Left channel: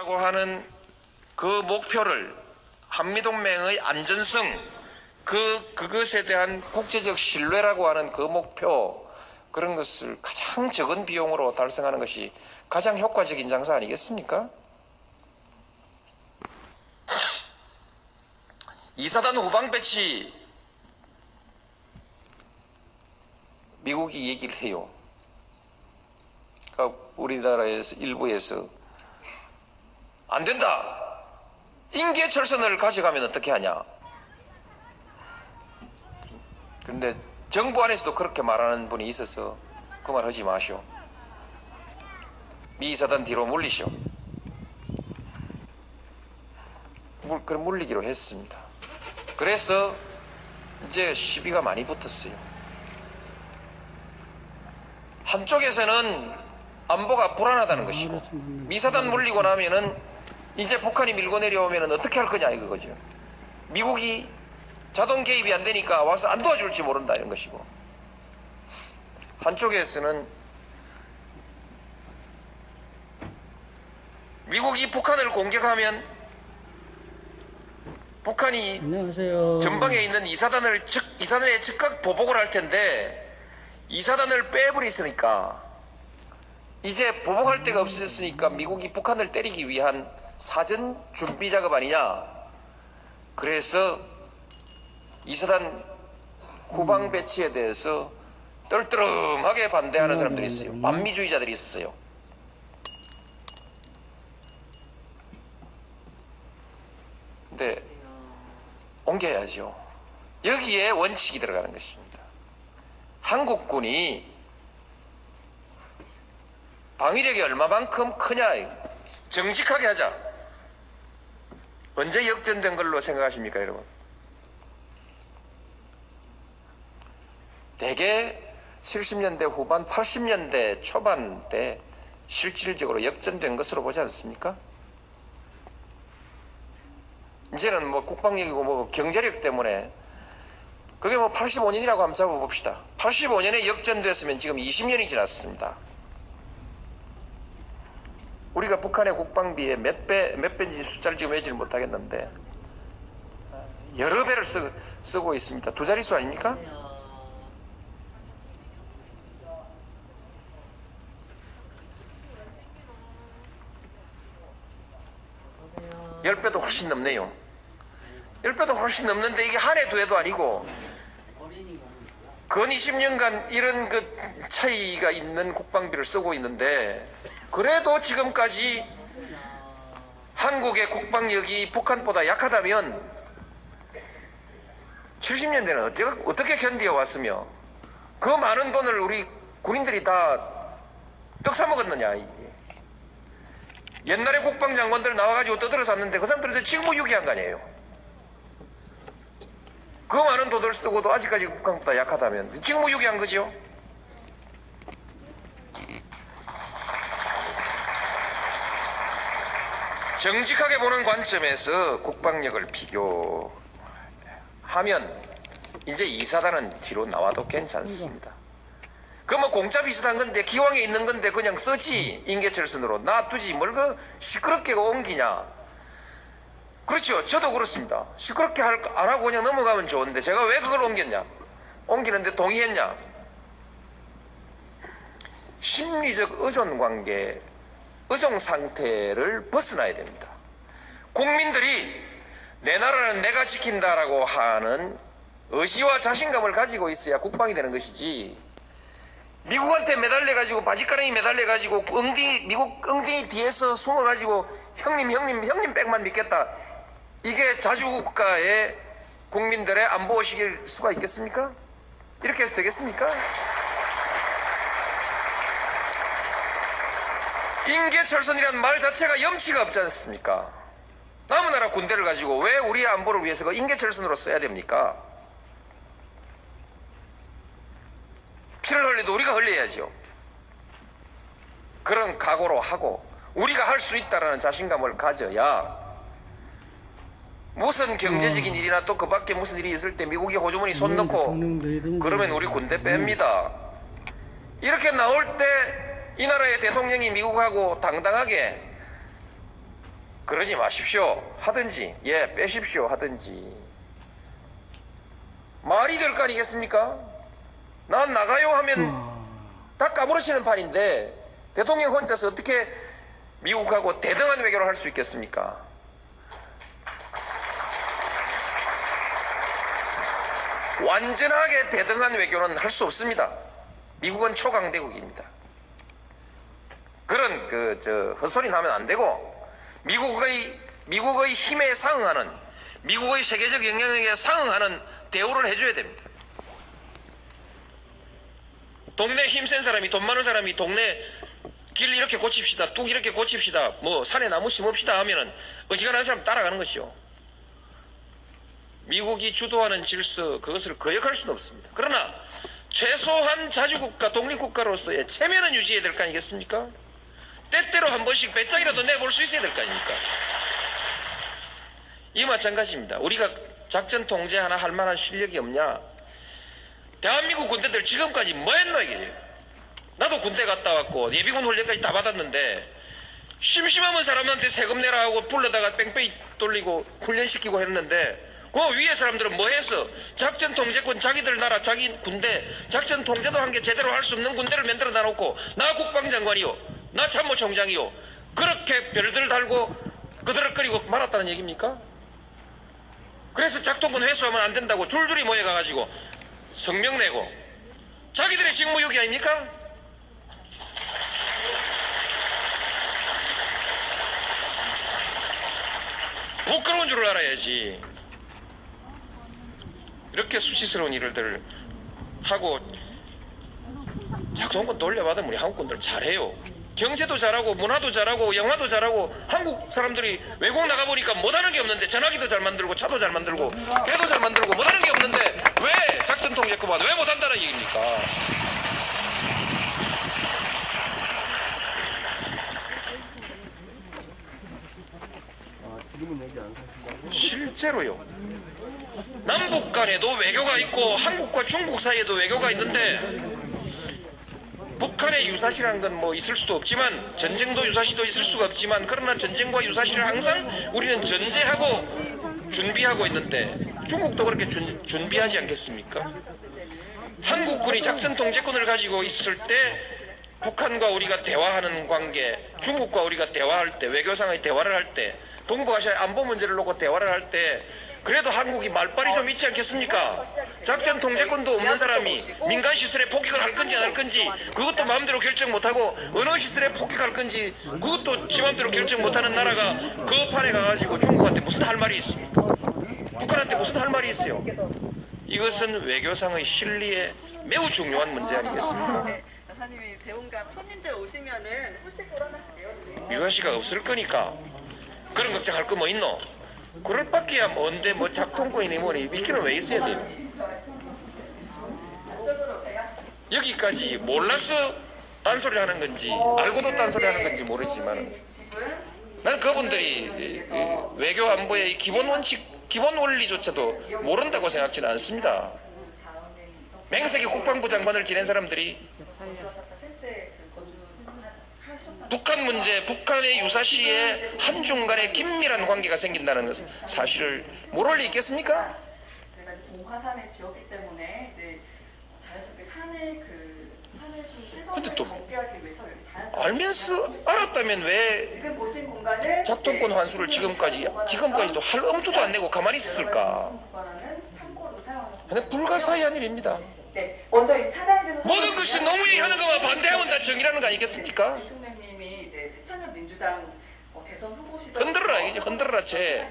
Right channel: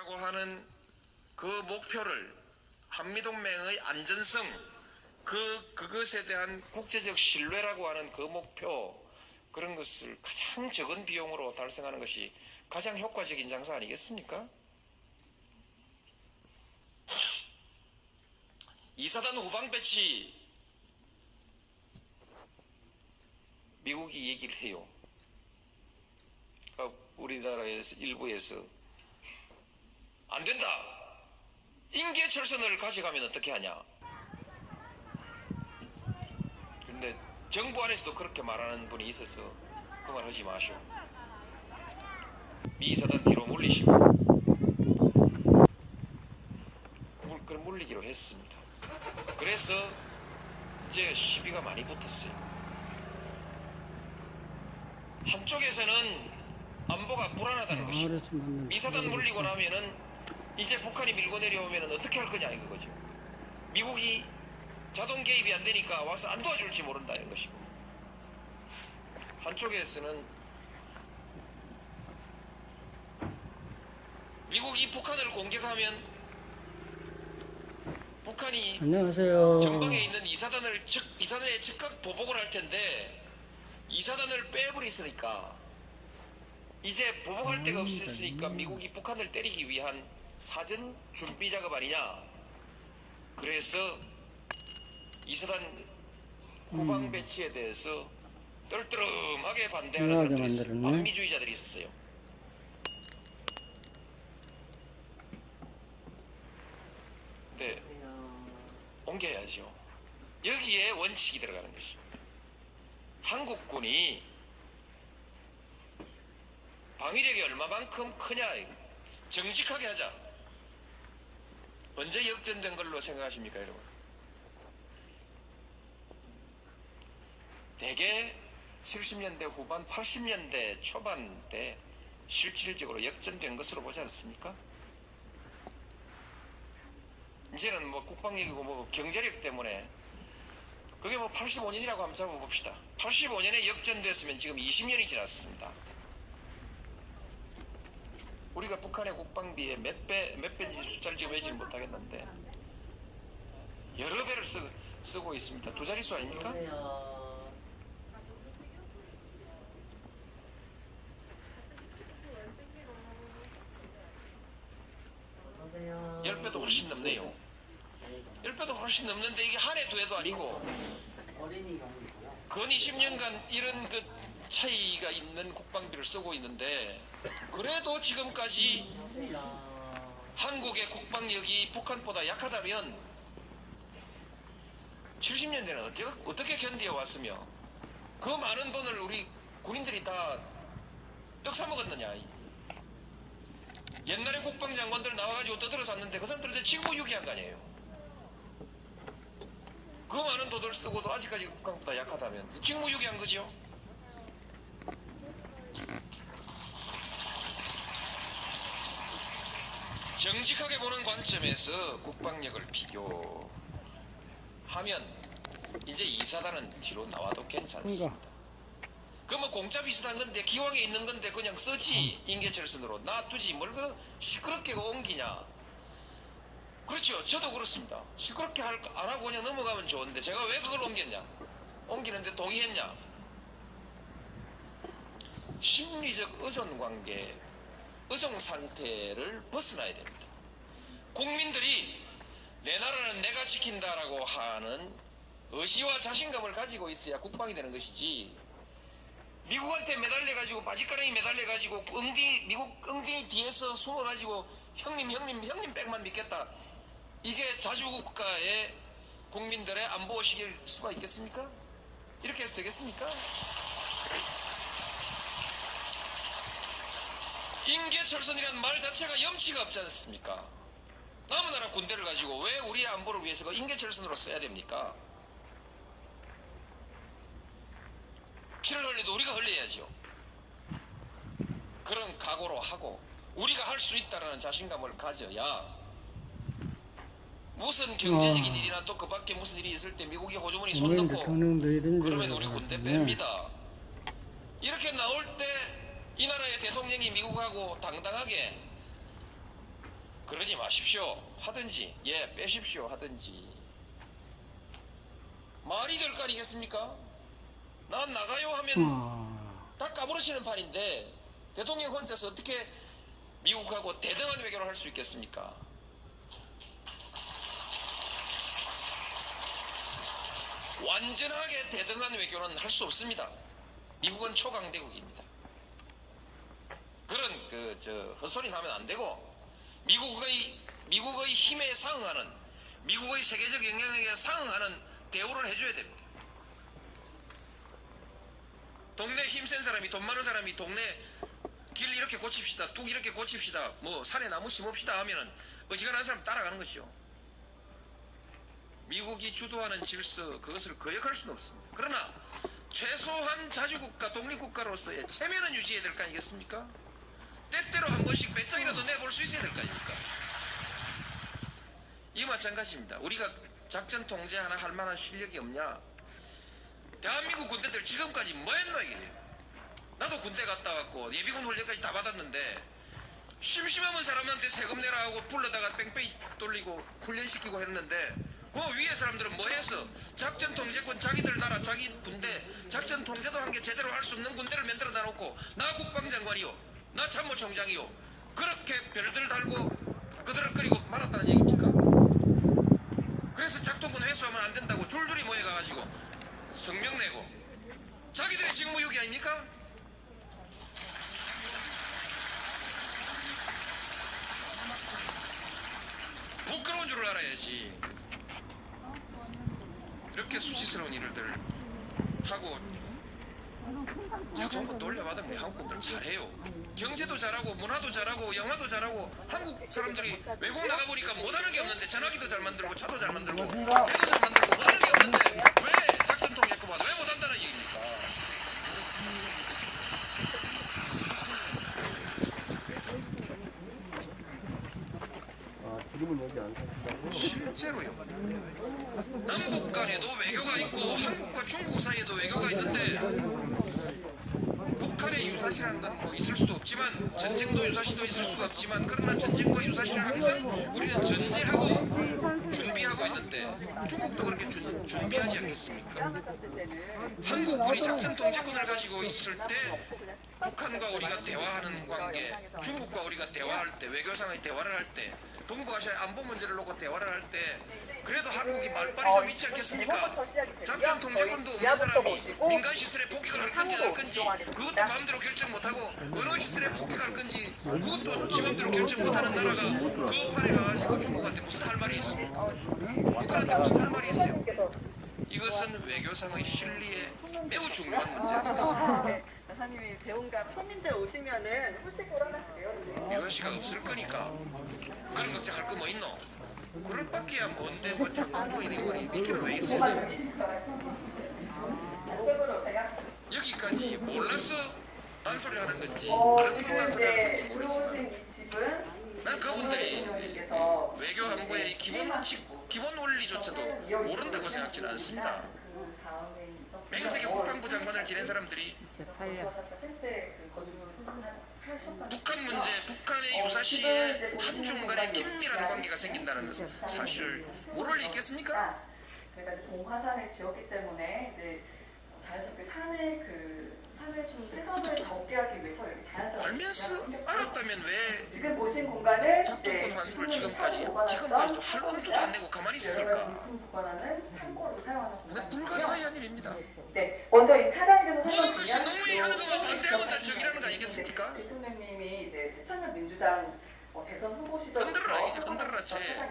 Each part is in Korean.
라고 하는 그 목표를 한미동맹의 안전성, 그것에 대한 국제적 신뢰라고 하는 그 목표, 그런 것을 가장 적은 비용으로 달성하는 것이 가장 효과적인 장사 아니겠습니까? 이사단 후방 배치 미국이 얘기를 해요. 그러니까 우리나라에서 일부에서 안 된다. 인계철선을 가져가면 어떻게 하냐. 그런데 정부 안에서도 그렇게 말하는 분이 있어서 그 말 하지 마시오. 미 이사단 뒤로 물리시오. 그럼 물리기로 했습니다. 그래서 이제 시비가 많이 붙었어요. 한쪽에서는 안보가 불안하다는 것이고, 미사단 물리고 나면은 이제 북한이 밀고 내려오면은 어떻게 할 거냐 이거죠. 미국이 자동 개입이 안 되니까 와서 안 도와줄지 모른다 이런 것이고, 한쪽에서는 미국이 북한을 공격하면 북한이 안녕하세요. 전방에 있는 이사단에 즉각 보복을 할 텐데 이사단을 빼버렸으니까 이제 보복할 데가 없었으니까 미국이 북한을 때리기 위한 사전 준비 작업 아니냐. 그래서 이사단 후방 배치에 대해서 떨떠름하게 반대하는 사람들이 있어요. 반미주의자들이 있었어요. 근데 옮겨야죠. 여기에 원칙이 들어가는 것입니다. 한국군이 방위력이 얼마만큼 크냐, 정직하게 하자. 언제 역전된 걸로 생각하십니까, 여러분? 대개 70년대 후반, 80년대 초반 때 실질적으로 역전된 것으로 보지 않습니까? 이제는 뭐 국방력이고 뭐 경제력 때문에 그게 뭐 85년이라고 한번 잡아봅시다. 85년에 역전됐으면 지금 20년이 지났습니다. 우리가 북한의 국방비의 몇 배인지 숫자를 지금 외지를 못하겠는데 여러 배를 쓰고 있습니다. 두 자릿수 아닙니까? 열 배도 훨씬 넘네요. 10배도 훨씬 넘는데 이게 한 해 두 해도 아니고 근 20년간 이런 그 차이가 있는 국방비를 쓰고 있는데, 그래도 지금까지 한국의 국방력이 북한보다 약하다면 70년대는 어떻게 견디어 왔으며 그 많은 돈을 우리 군인들이 다 떡사 먹었느냐. 이게 옛날에 국방장관들 나와가지고 떠들어 샀는데 그 사람들한테 직무유기한 거 아니에요. 그 많은 돈을 쓰고도 아직까지 북한보다 약하다면 직무유기한 거죠. 정직하게 보는 관점에서 국방력을 비교하면 이제 이사단은 뒤로 나와도 괜찮습니다. 그 뭐 공짜 비슷한 건데 기왕에 있는 건데 그냥 쓰지. 인계철선으로 놔두지 뭘 그 시끄럽게 옮기냐. 그렇죠. 저도 그렇습니다. 시끄럽게 안 하고 그냥 넘어가면 좋은데 제가 왜 그걸 옮겼냐. 옮기는데 동의했냐. 심리적 의존관계, 의존상태를 벗어나야 됩니다. 국민들이 내 나라는 내가 지킨다라고 하는 의지와 자신감을 가지고 있어야 국방이 되는 것이지, 미국한테 매달려가지고 바지가랑이 매달려가지고 미국 엉덩이 뒤에서 숨어가지고 형님 백만 믿겠다, 이게 자주국가의 국민들의 안보의식일 수가 있겠습니까? 이렇게 해서 되겠습니까? 인계철선이란 말 자체가 염치가 없지 않습니까? 남의 나라 군대를 가지고 왜 우리의 안보를 위해서 그 인계철선으로 써야 됩니까? 피를 흘려도 우리가 흘려야죠. 그런 각오로 하고 우리가 할 수 있다는 자신감을 가져야 무슨 경제적인 일이나 또 그 밖에 무슨 일이 있을 때 미국이 호주머니 손 넣고 그러면 우리 군대 뺍니다. 이렇게 나올 때 이 나라의 대통령이 미국하고 당당하게 그러지 마십시오 하든지 빼십시오 하든지 말이 될 거 아니겠습니까? 난 나가요 하면 다 까무러치는 판인데 대통령 혼자서 어떻게 미국하고 대등한 외교를 할 수 있겠습니까? 완전하게 대등한 외교는 할 수 없습니다. 미국은 초강대국입니다. 그런 헛소리 나면 안 되고 미국의 힘에 상응하는 미국의 세계적 영향력에 상응하는 대우를 해줘야 됩니다. 동네 힘센 사람이 돈 많은 사람이 동네 길 이렇게 고칩시다 뚝 이렇게 고칩시다 뭐 산에 나무 심읍시다 하면은 어지간한 사람 따라가는 것이죠. 미국이 주도하는 질서 그것을 거역할 수는 없습니다. 그러나 최소한 자주국가 독립국가로서의 체면은 유지해야 될 거 아니겠습니까? 때때로 한 번씩 배짱이라도 내볼 수 있어야 될 거 아닙니까? 이 마찬가지입니다. 우리가 작전 통제 하나 할 만한 실력이 없냐? 대한민국 군대들 지금까지 뭐 했노 이게? 나도 군대 갔다 왔고 예비군 훈련까지 다 받았는데 심심하면 사람한테 세금 내라 하고 불러다가 뺑뺑이 돌리고 훈련시키고 했는데 그 위에 사람들은 뭐 했어? 작전 통제권 자기들 나라 자기 군대 작전 통제도 한 게 제대로 할 수 없는 군대를 만들어 놔놓고 나 국방장관이요 나 참모총장이요 그렇게 별들 달고 그드럭거리고 말았다는 얘기입니까? 그래서 작동권 회수하면 안 된다고 줄줄이 모여가가지고 성명 내고 자기들의 직무유기 아닙니까? 부끄러운 줄을 알아야지. 이렇게 수치스러운 일들 하고 작동권 돌려받으면 우리 한국군들 잘해요. 경제도 잘하고 문화도 잘하고 영화도 잘하고 한국 사람들이 외국 나가보니까 못하는 게 없는데 전화기도 잘 만들고 차도 잘 만들고 배도 잘 만들고 못하는 게 없는데 왜 작전 통제권만 왜 못한다는 얘기입니까? 실제로요. 남북 간에도 외교가 있고 한국과 중국 사이에도 외교가 있는데 북한의 유사시라는 건 뭐 있을 수도 없지만 전쟁도 유사시도 있을 수가 없지만 그러나 전쟁과 유사시를 항상 우리는 전제하고 준비하고 있는데 중국도 그렇게 준비하지 않겠습니까? 한국군이 작전 통제권을 가지고 있을 때 북한과 우리가 대화하는 관계 중국과 우리가 대화할 때 외교상의 대화를 할 때 동북아시아 안보 문제를 놓고 대화를 할 때 그래도 한국이 말빨이 좀 있지 않겠습니까? 작전 통제권도 없는 사람이 민간 시설에 폭격을 할 건지 안 할 건지 그것도 마음대로 결정 못하고 어느 시설에 폭격할 건지 그것도 지 마음대로 결정 못하는 나라가 그 판에 가가지고 중국한테 무슨 할 말이 있습니까? 북한한테 무슨 할 말이 있어요? 이것은 외교상의 실리에 매우 중요한 문제 아니겠습니까? 여사님이 배웅자 손님들 오시면은 홀씩 돌아가세요. 유아시가 없을 거니까 그런 걱정할 거 뭐 있노? 그럴 밖에야 뭔데 뭐 작동권이니 뭐니 미끼는 왜 있어야 돼? 여기까지 몰라서 딴소리 하는 건지 알고도 딴소리 하는 건지 모르지만 나는 그분들이 외교 안보의 기본 원칙 기본 원리조차도 모른다고 생각지는 않습니다. 맹세기 국방부 장관을 지낸 사람들이 북한 문제, 북한의 유사시에 한중 간에 긴밀한 관계가 생긴다는 사실을 모를 리 있겠습니까? 저희가 공화산을 지었기 때문에 이제 자연스럽게 산을 좀 최선을 정비하기 위해서 여기 자연스럽게 알면서 알았다면 왜 지금 보신 공간을 작동권 환수를 지금까지도 할 엄두도 안 내고 가만히 있었을까? 근데 불가사의한 일입니다. 네, 먼저 이 차량에 대해서 모든 것이 노무현이 하는 것만 반대하면 다 정의라는 거 아니겠습니까? 대통령님이 이제 새천년 민주당 대선 후보 시절 흔들어라 이제 흔들어라 쟤.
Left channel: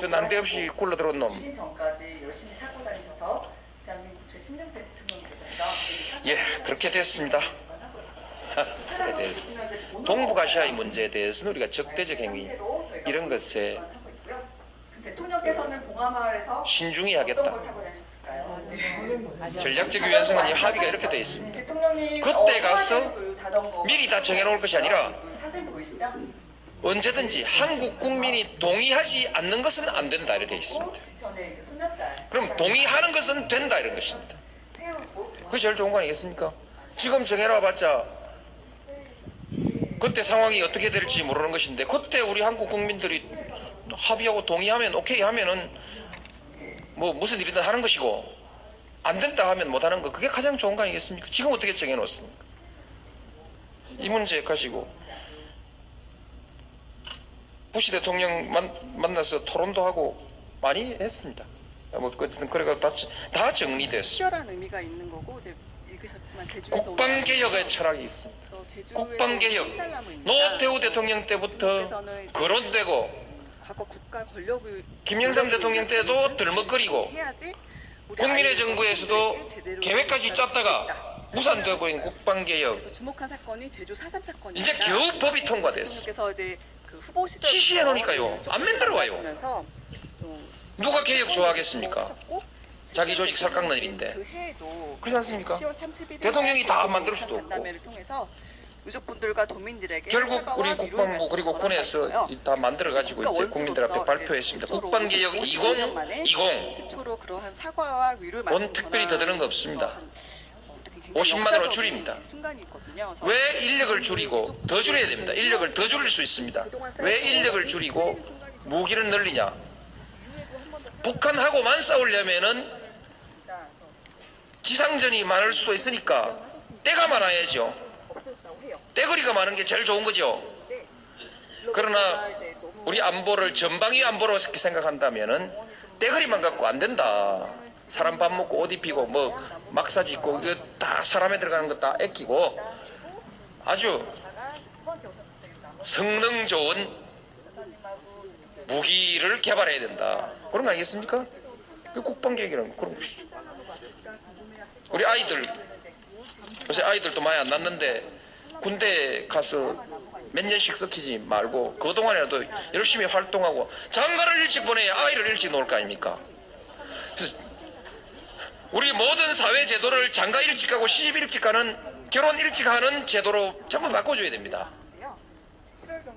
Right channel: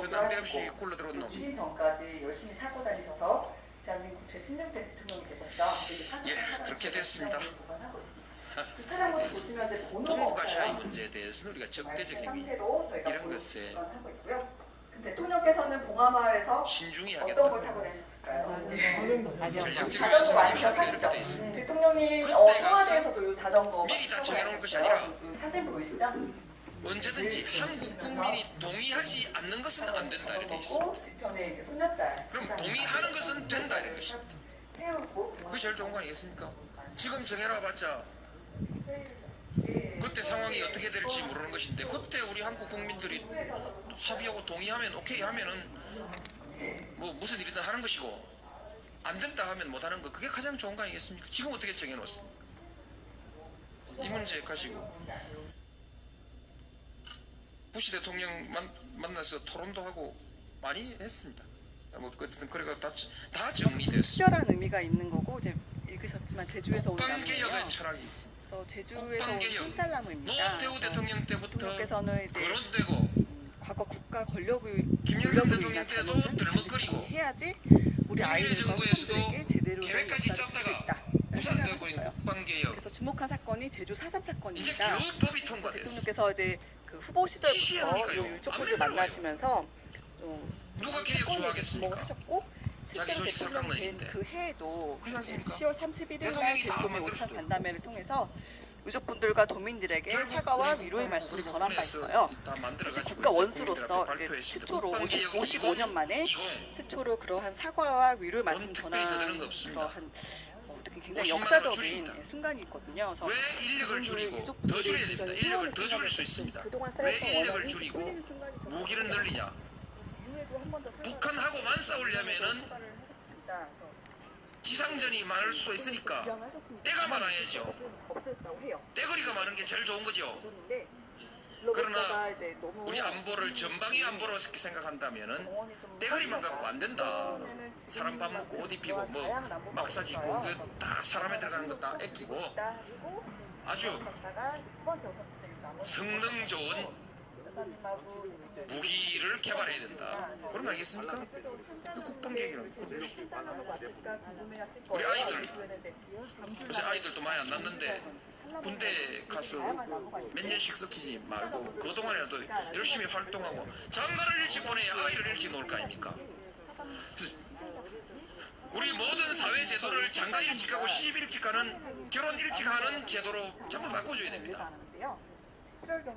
저 난데없이 굴러들어온 놈. 주인 전까지 열심히 타고 다니셔서 대한민국 제16대 대통령이 되셨다. 예, 그렇게 됐습니다. 동북아시아의 문제에 대해서는 우리가 적대적 행위 이런 것에 대통령께서는 봉하마을에서 신중히 어떤 하겠다. 걸 타고 다니셨을까요? 전략적 유연성은 합의가 이렇게 돼 있습니다. 대통령님 그때 가서 자전거 미리 다 정해놓을 것이 아니라 사진 보이시죠? 언제든지 한국 국민이 동의하지 않는 것은 안 된다 이렇게 돼 있습니다. 뒤편에 손녀딸 그럼 동의하는 것은 된다 이런 것입니다. 그게 제일 좋은 거 아니겠습니까? 지금 정해놔봤자 그때 상황이 어떻게 될지 모르는 것인데 그때 우리 한국 국민들이 합의하고 동의하면 오케이 하면은 뭐 무슨 일이든 하는 것이고 안 된다 하면 못 하는 거 그게 가장 좋은 거 아니겠습니까? 지금 어떻게 정해놓습니까? 이 문제 가지고 부시 대통령 만나서 토론도 하고 많이 했습니다. 뭐 어쨌든 그래가 다 정리됐습니다. 특별한 의미가 있는 거고 이제 읽으셨지만 제주에서 국방개혁의 철학이 있습니다. 국방개혁 노태우 대통령 때부터 거론되고 과거 국가 권력의 김영삼 대통령 때도 들먹거리고 해야지 국민의 정부에서도 계획까지 짰다가 무산되고 있는 국방개혁. 그래서 주목한 사건이 제주 4.3 사건입니다. 이제 겨우 법이 통과됐어. 대통령께서 이제 그 후보 시절 시시해 놓으니까요. 안 만들어와요. 누가 개혁 좋아하겠습니까? 자기 조직 살깎는 일인데. 그 해에도 그렇지 않습니까? 10월 31일 대통령이 다 만들 수도 없고. 간담회를 통해서 유족분들과 도민들에게 결국 사과와 우리 위로의 국방부 그리고 말씀을 군에서 전한 다 만들어가지고 국가 이제 국민들 앞에 원수로서 발표했습니다. 최초로 국방개혁 55년 만에 2020 최초로 그러한 사과와 위로의 말씀을 돈 특별히 더 드는 거 없습니다. 한, 어떻게 50만 원으로 줄입니다. 순간이거든요. 그래서 왜 인력을 줄이고 더 줄여야 됩니다. 인력을 더 줄일 수 있습니다. 왜 인력을 줄이고 무기를 늘리냐? 북한하고만 싸우려면은 지상전이 많을 수도 있으니까 때가 많아야죠. 때거리가 많은 게 제일 좋은 거죠. 그러나 우리 안보를 전방위 안보로 생각한다면은 때거리만 갖고 안 된다. 사람 밥 먹고 옷 입히고 뭐 막사 짓고 이거 다 사람에 들어가는 거 다 아끼고 아주 성능 좋은 무기를 개발해야 된다. 그런 거 아니겠습니까? 그 국방계획이라는 그런 것이. 우리 아이들 요새 아이들도 많이 안 낳는데 군대 가서 몇 년씩 썩히지 말고 그동안에도 열심히 활동하고 장가를 일찍 보내야 아이를 일찍 놓을 거 아닙니까? 그래서 우리 모든 사회 제도를 장가 일찍 가고 시집 일찍 가는 결혼 일찍 하는 제도로 전부 바꿔줘야 됩니다.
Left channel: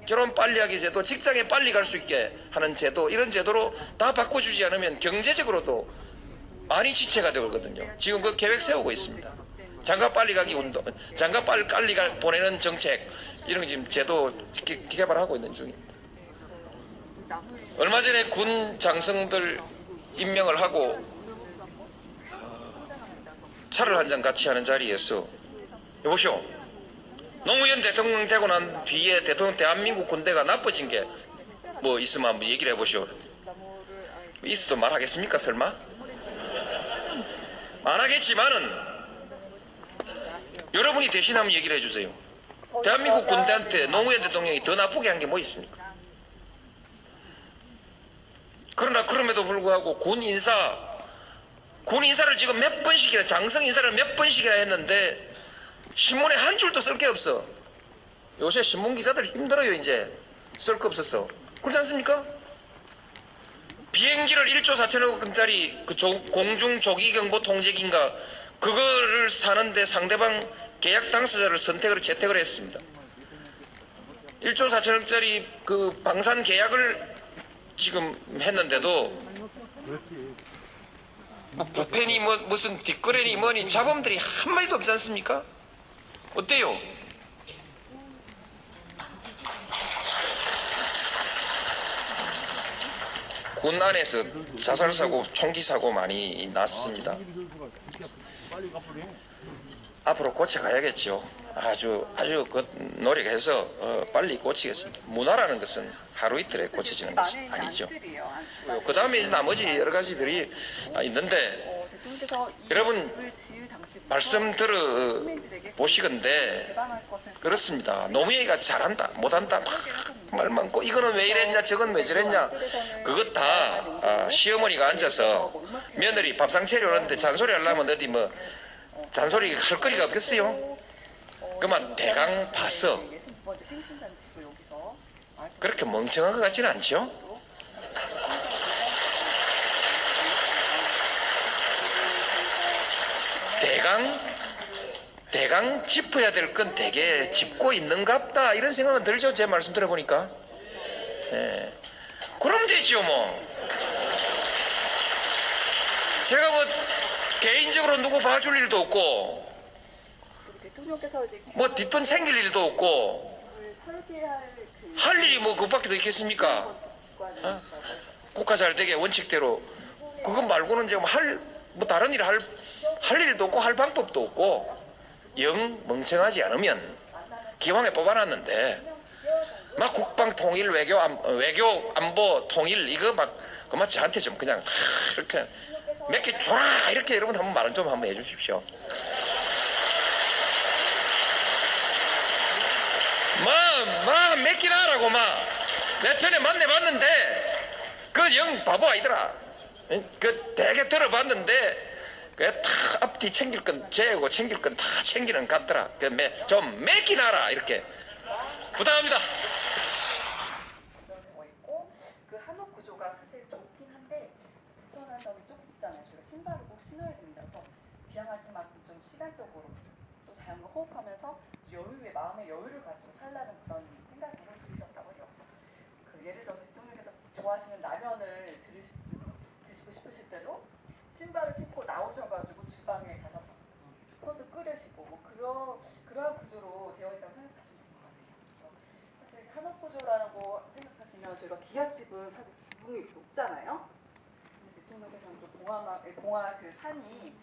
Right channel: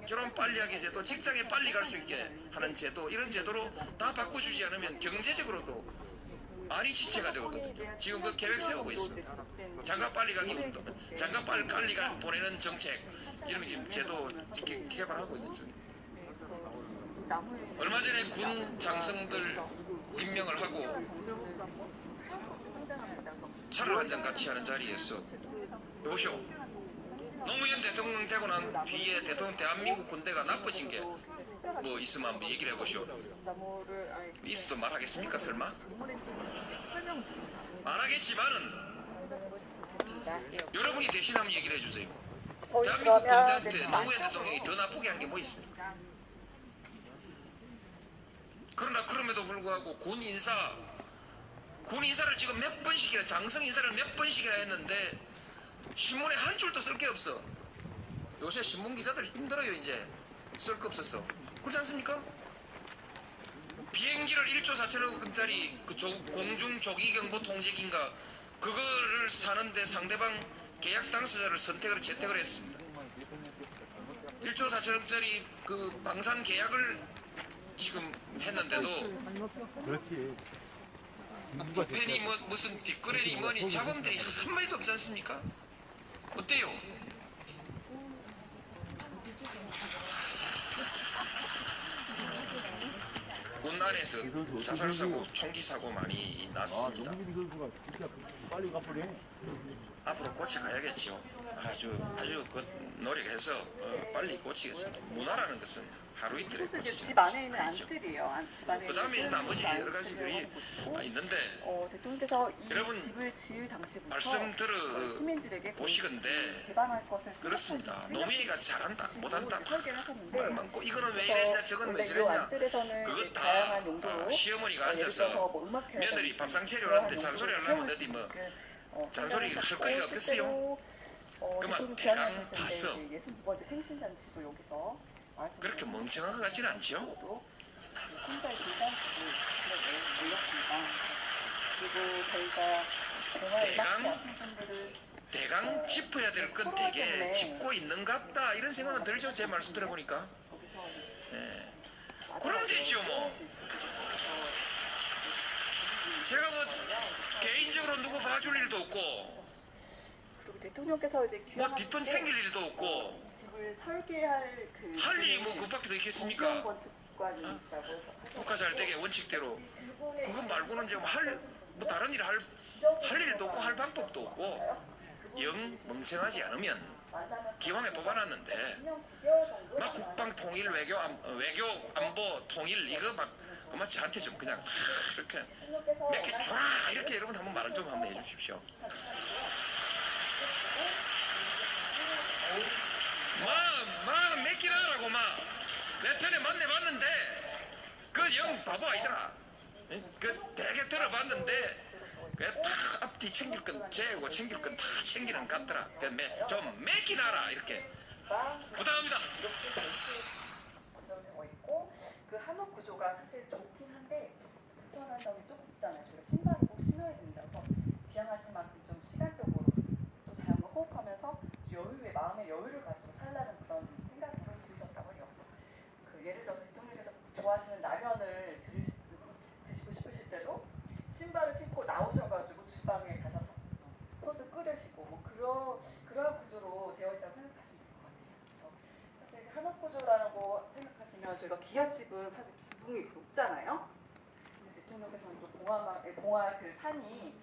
결혼 빨리 하기 제도, 직장에 빨리 갈 수 있게 하는 제도, 이런 제도로 다 바꿔주지 않으면 경제적으로도 많이 지체가 되거든요. 지금 그 계획 세우고 있습니다. 장가 빨리 가기 운동, 장가 빨리 보내는 정책, 이런 거 지금 제도 개발하고 있는 중입니다. 얼마 전에 군 장성들 임명을 하고 차를 한 잔 같이 하는 자리에서 여보시오, 노무현 대통령 되고 난 뒤에 대한민국 군대가 나빠진 게 뭐 있으면 한번 얘기를 해보시오. 있어도 말하겠습니까 설마? 안 하겠지만은 여러분이 대신 한번 얘기를 해주세요. 대한민국 군대한테 노무현 대통령이 더 나쁘게 한 게 뭐 있습니까? 그러나 그럼에도 불구하고 군 인사를 지금 몇 번씩이나, 장성 인사를 몇 번씩이나 했는데 신문에 한 줄도 쓸 게 없어. 요새 신문 기자들 힘들어요. 이제 쓸 거 없었어. 그렇지 않습니까? 비행기를 1조 4천억 원짜리 그 공중 조기경보 통제기인가 그거를 사는데 상대방 계약 당사자를 채택을 했습니다. 1조 4천억짜리 그 방산 계약을 지금 했는데도 부펜이 뭐 무슨 뒷거래니 뭐니 자범들이 한마디도 없지 않습니까? 어때요? 군 안에서 자살사고, 총기사고 많이 났습니다. 앞으로 고쳐가야겠죠. 아주 노력해서 빨리 고치겠습니다. 문화라는 것은 하루 이틀에 고쳐지는 것이 아니죠. 그 다음에 나머지 여러 가지들이 있는데 여러분 말씀 들어 보시건대 그렇습니다. 노무현이가 잘한다 못한다 말 많고 이거는 왜 이랬냐 저건 왜 저랬냐 그것 다 시어머니가 앉아서 며느리 밥상 차려오는데 잔소리 하려면 어디 뭐 잔소리 할 거리가 없겠어요. 그만 대강 봤어. 그렇게 멍청한 것 같지는 않죠? 대강 짚어야 될 건 되게 짚고 있는갑다 이런 생각은 들죠. 제 말씀 들어보니까. 예. 그럼 되죠 뭐. 제가 뭐 개인적으로 누구 봐줄 일도 없고 뭐 뒷돈 챙길 일도 없고 설계할 그 할 일이 뭐 그것밖에 더 있겠습니까? 기관이 어? 있다고 해서 국가 잘 되게 원칙대로. 그것 말고는 지금 뭐 다른 일 할 일도 없고 할 방법도 없고 영 멍청하지 않으면 기왕에 뽑아놨는데 막 국방 통일 외교 안보 통일 이거 막 그만 저한테 좀 그냥 이렇게 몇 개 줘라 이렇게 여러분 한번 말은 좀 한번 해주십시오. 몇 개나 하라고 내 전에 만나봤는데 그 영 바보 아니더라. 그 되게 들어봤는데 다 앞뒤 챙길 건 재고 챙길 건 다 챙기는 것 같더라. 좀 몇 개나 하라 이렇게 부탁합니다. 되어 있고 그 한옥 구조가 사실 좋긴 한데 불편한 점이 조금 있잖아요. 저희가 신발을 꼭 신어야 됩니다. 그래서 귀향하신 만큼 좀 시간적으로 또 자연과 호흡하면서 여유의 마음의 여유를 가지고 살라는 그런 생각으로 지으셨다고 해요. 그 예를 들어서 대통령께서 좋아하시는 라면을 드시고 싶으실 때도 신발을 신고 나오셔가지고 주방에 가셔서 소주 끓이시고 뭐 그러한 구조로 되어 있다고 생각하시면 될 것 같아요. 사실 한옥 구조라고 생각하시면 저희가 기아집은 사실 지붕이 높잖아요. 근데 대통령께서는 또 봉화 그 산이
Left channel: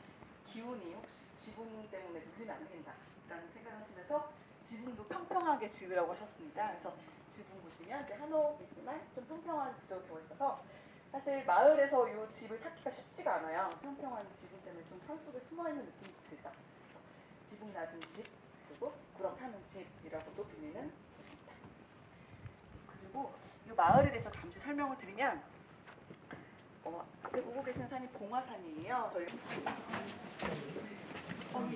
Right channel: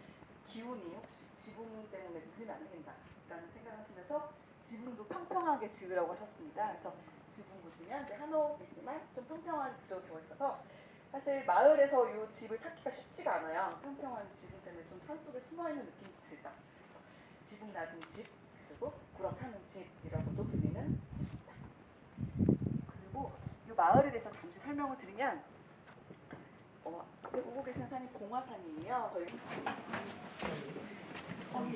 기운이 혹시 지붕 때문에 누리면 안 된다라는 생각하시면서 지붕도 평평하게 지으라고 하셨습니다. 그래서 지붕 보시면 이제 한옥이지만 좀 평평한 구조로 되어 있어서 사실 마을에서 이 집을 찾기가 쉽지가 않아요. 평평한 지붕 때문에 좀 산속에 숨어있는 느낌이 들죠. 지붕 낮은 집, 그리고 구렁 타는 집이라고도 불리는 곳입니다. 그리고 이 마을에 대해서 잠시 설명을 드리면 보고 계시는 산이 봉화산이에요. 저희 이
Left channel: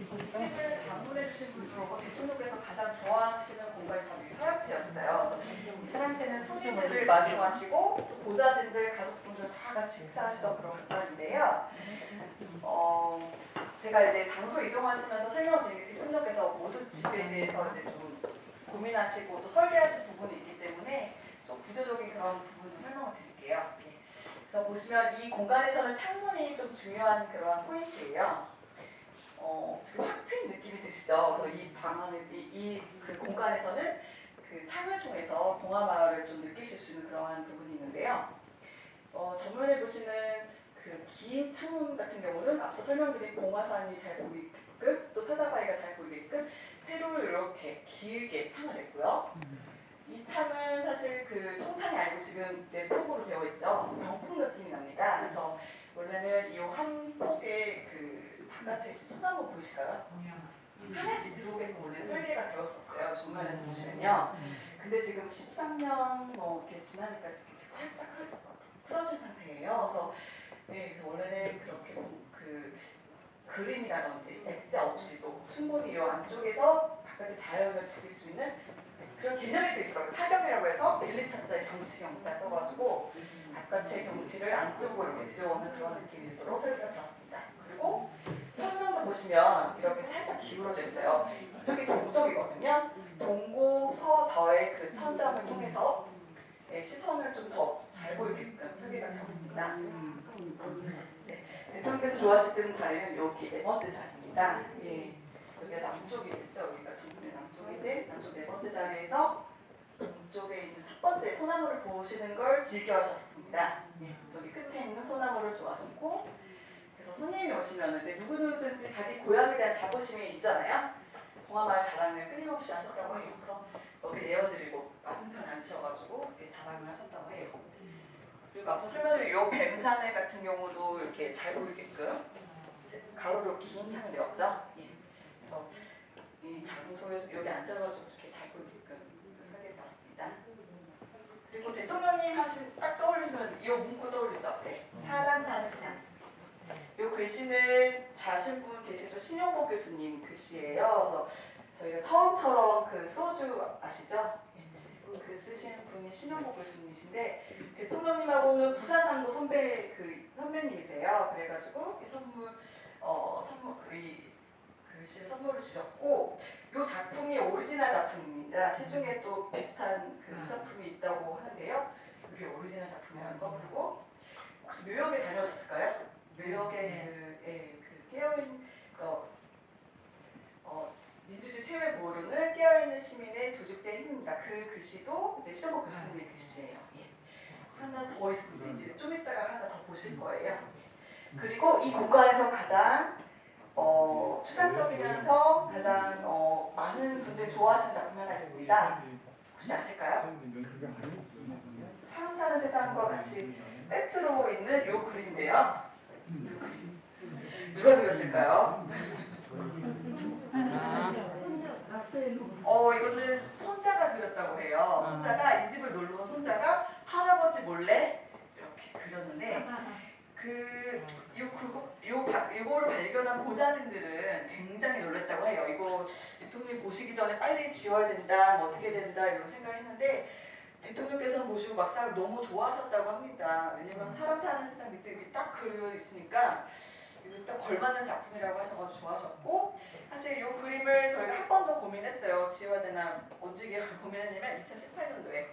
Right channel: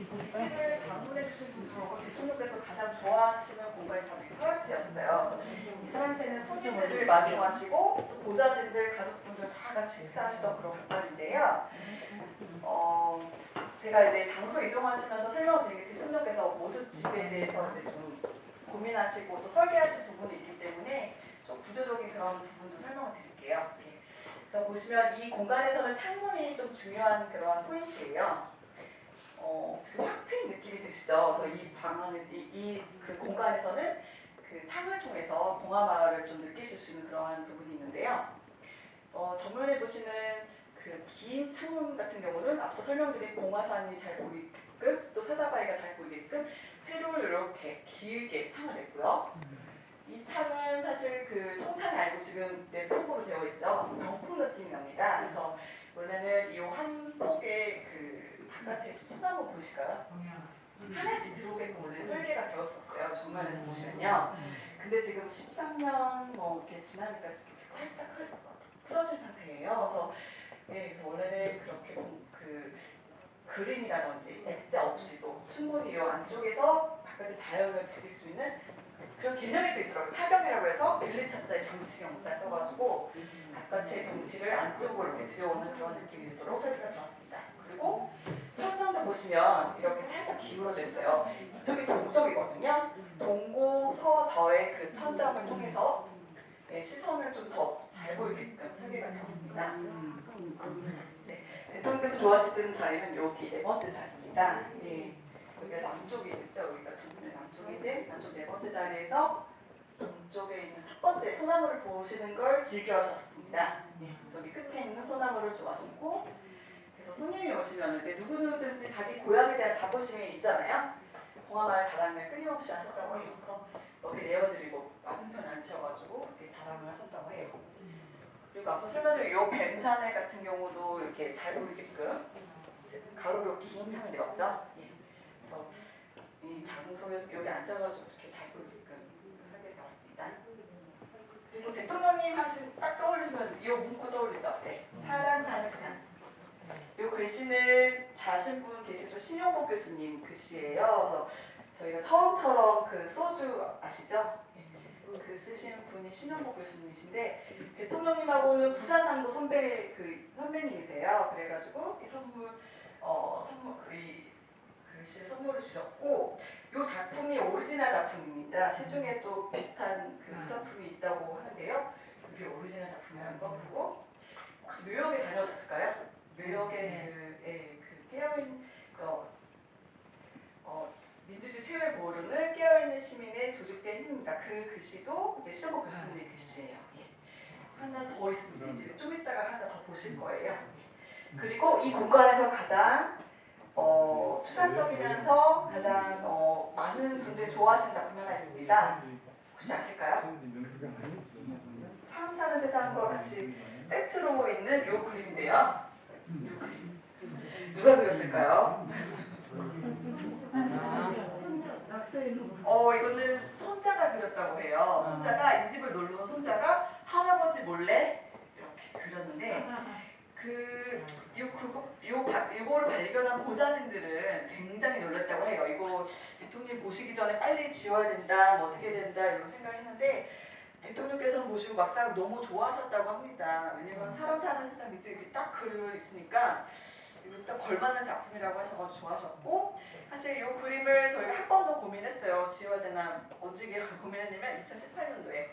집을 방문해 주신 분 중에 대통령께서 가장 좋아하시는 공간이 바로 이 서양체였어요. 이 서양체는 손님들을 마주하시고 보좌진들, 가족분들 다 같이 식사하시던 그런 공간인데요. 제가 이제 장소 이동하시면서 설명을 드리게 대통령께서 모든 집에 대해서 이제 좀 고민하시고 또 설계하신 부분이 있기 때문에 좀 구조적인 그런 부분도 설명을 드릴게요. 그래서 보시면 이 공간에서는 창문이 좀 중요한 그러한 포인트예요. 되게 확 트인 느낌이 드시죠? 그래서 이 방안에 그 공간에서는 그 창을 통해서 봉화마을을 좀 느끼실 수 있는 그러한 부분이 있는데요. 정면에 보시는 그 긴 창문 같은 경우는 앞서 설명드린 봉화산이 잘 보이게끔 또 서자바위가 잘 보이게끔 세로를 이렇게 길게 창을 냈고요. 이 창은 사실 그 통창이 아니고 지금 내폭으로 되어 있죠. 병풍 느낌이 납니다. 그래서 원래는 이 한 폭의 그 바깥에 소나무 보이실까요? 하나씩 들어오게끔 원래 설계가 되었었어요. 정면에서 보시면요. 근데 지금 13년 뭐 이렇게 지나니까 살짝 풀어진 상태예요. 그래서 그래서 원래는 그렇게 그 그림이라든지 액자 없이도 충분히 이 안쪽에서 바깥의 자연을 즐길 수 있는 그런 개념이 또 있더라고요. 사경이라고 해서 밀리차자의 경치 경자 써가지고 바깥의 경치를 안쪽으로 이렇게 들여오는 그런 느낌이 들도록 설계가 되었습니다. 그리고 천정도 보시면 이렇게 살짝 기울어져 있어요. 이쪽이 동쪽이거든요. 동고 서저의 그 천정을 통해서 시선을 좀 더 잘 보이게끔 설계가 되었습니다. 네, 대통령께서 좋아하시는 자리는 여기 네 번째 자리입니다. 여기가 남쪽이 있죠. 여기가 남쪽인데 남쪽 네 번째 자리에서 동쪽에 있는 첫 번째 소나무를 보시는 걸 즐겨하셨습니다. 저기 끝에 있는 소나무를 좋아하셨고, 그래서 손님이 오시면 이제 누구든지 자기 고향에 대한 자부심이 있잖아요. 봉화마을 자랑을 끊임없이 하셨다고 해요. 그래서 여기 내어드리고 맞은편에 앉으셔가지고 이렇게 자랑을 하셨다고 해요. 그리고 앞서 설명드린 이 뱀산에 같은 경우도 이렇게 잘 보이게끔 가로로 긴 창을 내었죠. 그래서 이 장소에서 여기 앉아가지고 이렇게 잘 보이게끔 설계되었습니다. 그리고 대통령님 하신 딱 떠올리면 이 문구 떠올리죠. 사람 사는 산. 이 글씨는 잘 아시는 분 계시죠? 신용복 교수님 글씨예요. 그래서 저희가 처음처럼 그 소주 아시죠? 그 쓰시는 분이 신용복 교수님이신데 대통령님하고는 부산상도 선배님이세요. 그래가지고 이 이 글씨를 선물을 주셨고 이 작품이 오리지널 작품입니다. 시중에 또 비슷한 그 작품이 있다고 하는데요. 이게 오리지널 작품이라는 거. 그리고 혹시 뉴욕에 다녀오셨을까요? 뉴욕의 그 깨어있는 민주주의 체험을 모르는 깨어있는 시민의 조직된 힘입니다. 그 글씨도 이제 실버 교수님의 글씨예요. 예. 하나 더 있습니다. 이제 좀 이따가 하나 더 보실 거예요. 예. 그리고 이 공간에서 가장 추상적이면서 가장 많은 분들이 좋아하시는 작품이 하나 있습니다. 혹시 아실까요? 사람 사는 세상과 같이 세트로 있는 이 그림인데요. 요 그림. 누가 그렸을까요? 이거는 손자가 그렸다고 해요. 손자가 이 집을 놀러 온 손자가 할아버지 몰래 이렇게 그렸는데 이거를 발견한 보좌진들은 굉장히 놀랐다고 해요. 이거 대통령 보시기 전에 빨리 지워야 된다, 뭐 어떻게 된다 이런 생각했는데 대통령께서는 보시고 막상 너무 좋아하셨다고 합니다. 왜냐면 사람 사는 세상 밑에 이렇게 딱 그려 있으니까 이거 딱 걸맞는 작품이라고 하셔서 좋아하셨고 사실 이 그림을 저희가 한 번 더 고민했어요. 지워야 되나 언제 고민했냐면 2018년도에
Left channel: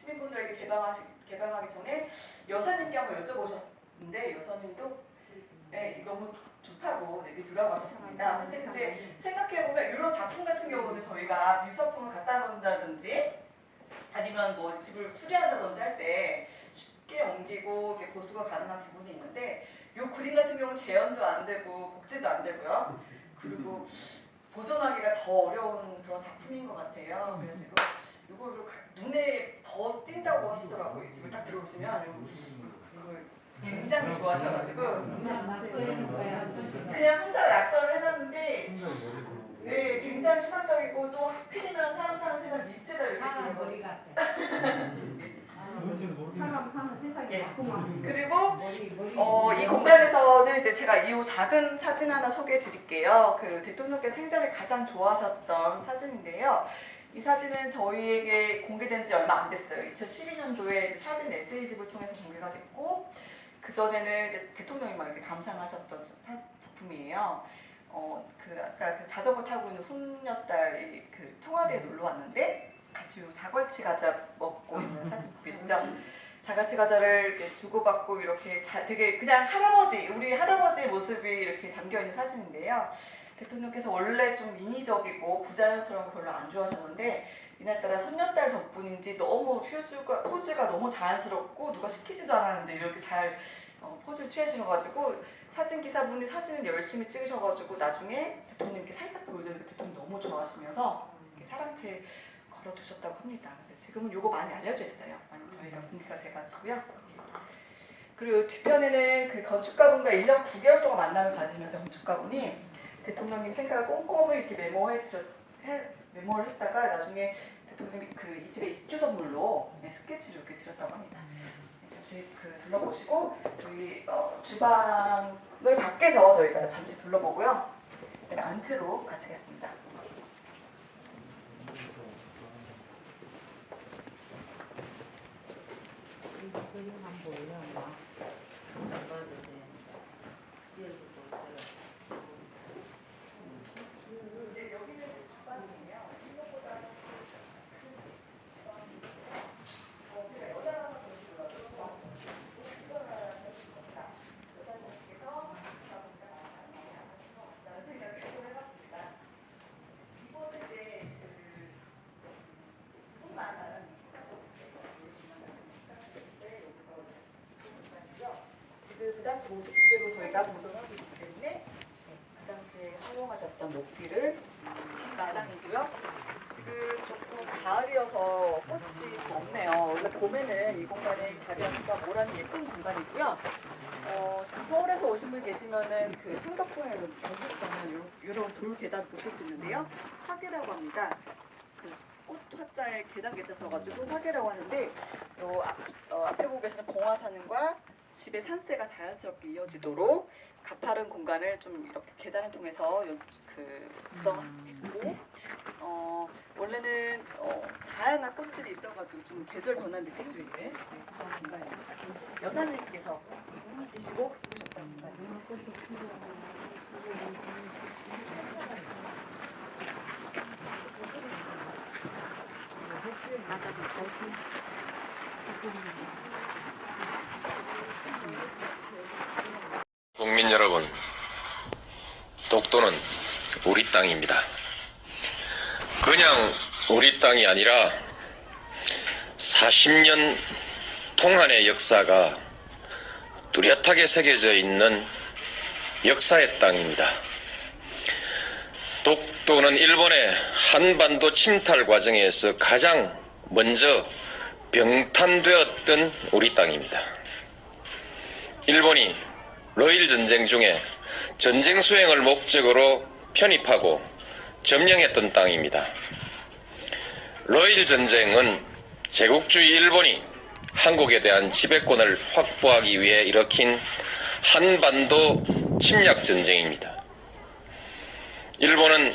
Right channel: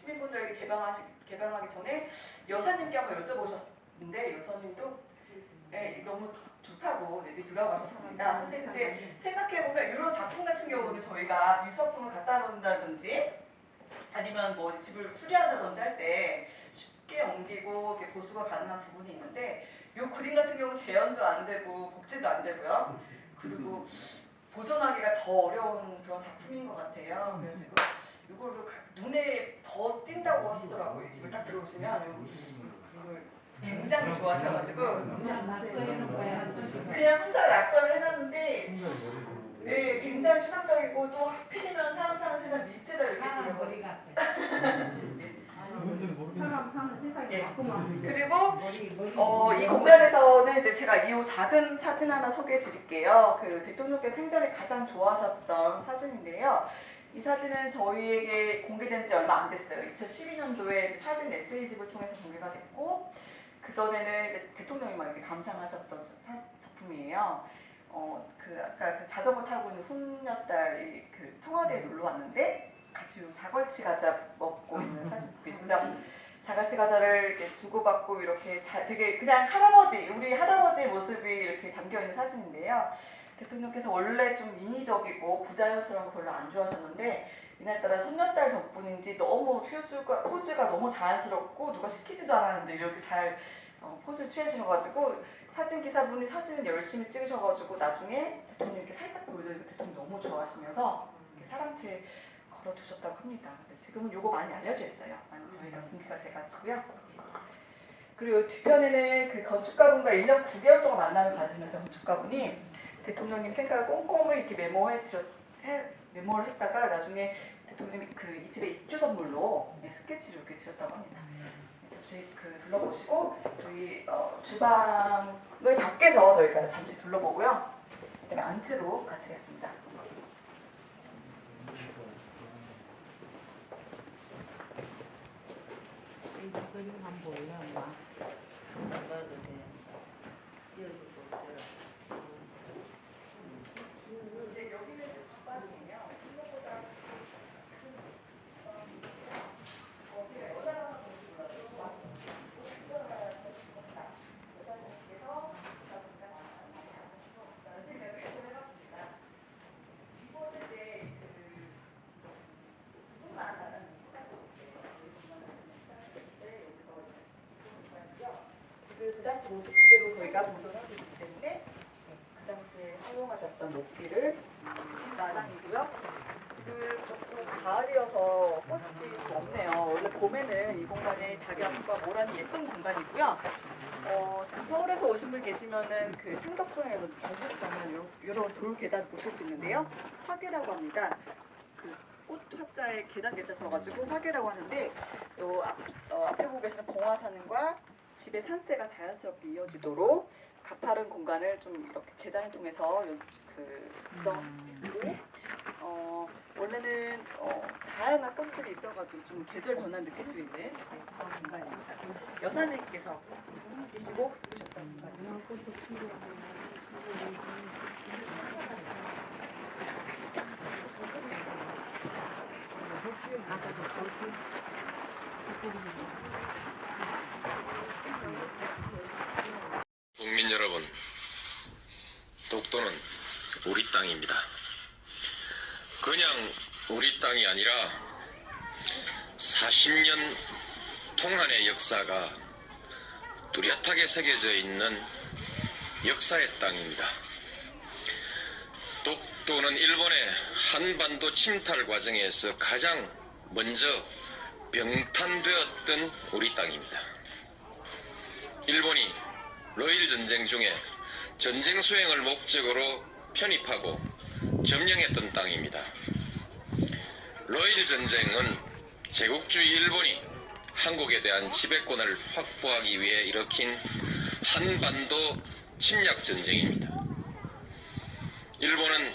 시민분들에게 개방하기 전에 여사님께 한번 여쭤보셨는데 여사님도 네, 너무 좋다고 얘기 들어가셨습니다. 사실 근데 생각해보면 이런 작품 같은 경우는 저희가 유서품을 갖다 놓는다든지 아니면 뭐 집을 수리한다든지 할 때 쉽게 옮기고 이렇게 보수가 가능한 부분이 있는데 이 그림 같은 경우는 재현도 안 되고 복제도 안 되고요. 그리고 보존하기가 더 어려운 그런 작품인 것 같아요. 그래가지고 이거를 눈에 더 띈다고 하시더라고요. 이 집을 딱 들어오시면 이걸 굉장히 좋아하셔가지고 그냥 혼자 낙서를 해놨는데 네, 굉장히 추상적이고 또 하필이면 사람 사는 세상 밑에다 이렇게 그려가지고 사람 사는 세상이 예. 자꾸만 그리고 이 공간에서는 이제 제가 이 작은 사진 하나 소개해 드릴게요. 그 대통령께서 생전에 가장 좋아하셨던 사진인데요. 이 사진은 저희에게 공개된 지 얼마 안 됐어요. 2012년도에 사진 에세이집을 통해서 공개가 됐고 그 전에는 이제 대통령이 막 이렇게 감상하셨던 작품이에요. 아까 그 자전거 타고 있는 손녀딸이 그 청와대에 놀러 왔는데 같이 자갈치 과자 먹고 있는 사진 보이시죠? 자갈치 과자를 이렇게 주고받고 이렇게 되게 그냥 우리 할아버지의 모습이 이렇게 담겨 있는 사진인데요. 대통령께서 원래 좀 인위적이고 부자연스러운 거 별로 안 좋아하셨는데 이날따라 손녀딸 덕분인지 너무 포즈가 너무 자연스럽고 누가 시키지도 않았는데 이렇게 잘 포즈를 취하셔가지고 사진 기사분이 사진을 열심히 찍으셔가지고 나중에 대통령께 살짝 보여드리고 대통령 너무 좋아하시면서 이렇게 사랑채 걸어두셨다고 합니다. 근데 지금은 요거 많이 알려져 있어요. 많이 저희가 공개가 돼가지고요. 그리고 뒤편에는 그 건축가분과 1년 9개월 동안 만남을 가지면서 건축가분이 대통령님 생각을 꼼꼼히 이렇게 메모를 했다가 나중에 대통령이 이 집의 입주 선물로 스케치를 이렇게 드렸다고 합니다. 집 둘러보시고 저희 주방을 밖에서 저희가 잠시 둘러보고요. 그다음에 안채로 가시겠습니다. 네, 여기는 주방이에요. 생각보다 그 당시 모습 그대로 저희가 보존하고 있기 때문에 그 당시에 사용하셨던 목기를 마당이고요. 지금 조금 가을이어서 꽃이 없네요. 원래 봄에는 이 공간이 자리함과 모란이 예쁜 공간이고요. 지금 서울에서 오신 분 계시면은 그 상덕동이라든지 경북 가면 이런 돌 계단 보실 수 있는데요. 화계라고 합니다. 그 꽃 화자에 계단 get져서가지고 화계라고 하는데 앞에 보고 계시는 봉화산과 집의 산세가 자연스럽게 이어지도록 가파른 공간을 좀 이렇게 계단을 통해서 구성했고 원래는 다양한 꽃들이 있어가지고 좀 계절 변화 느낄 수 있는 그런 공간입니다. 여사님께서 계시고 그러셨답니다. 국민 여러분, 독도는 우리 땅입니다. 그냥 우리 땅이 아니라 40년 동안의 역사가 뚜렷하게 새겨져 있는 역사의 땅입니다. 독도는 일본의 한반도 침탈 과정에서 가장 먼저 병탄되었던 우리 땅입니다. 일본이 러일 전쟁 중에 전쟁 수행을 목적으로 편입하고 점령했던 땅입니다. 러일 전쟁은 제국주의 일본이 한국에 대한 지배권을 확보하기 위해 일으킨 한반도 침략 전쟁입니다. 일본은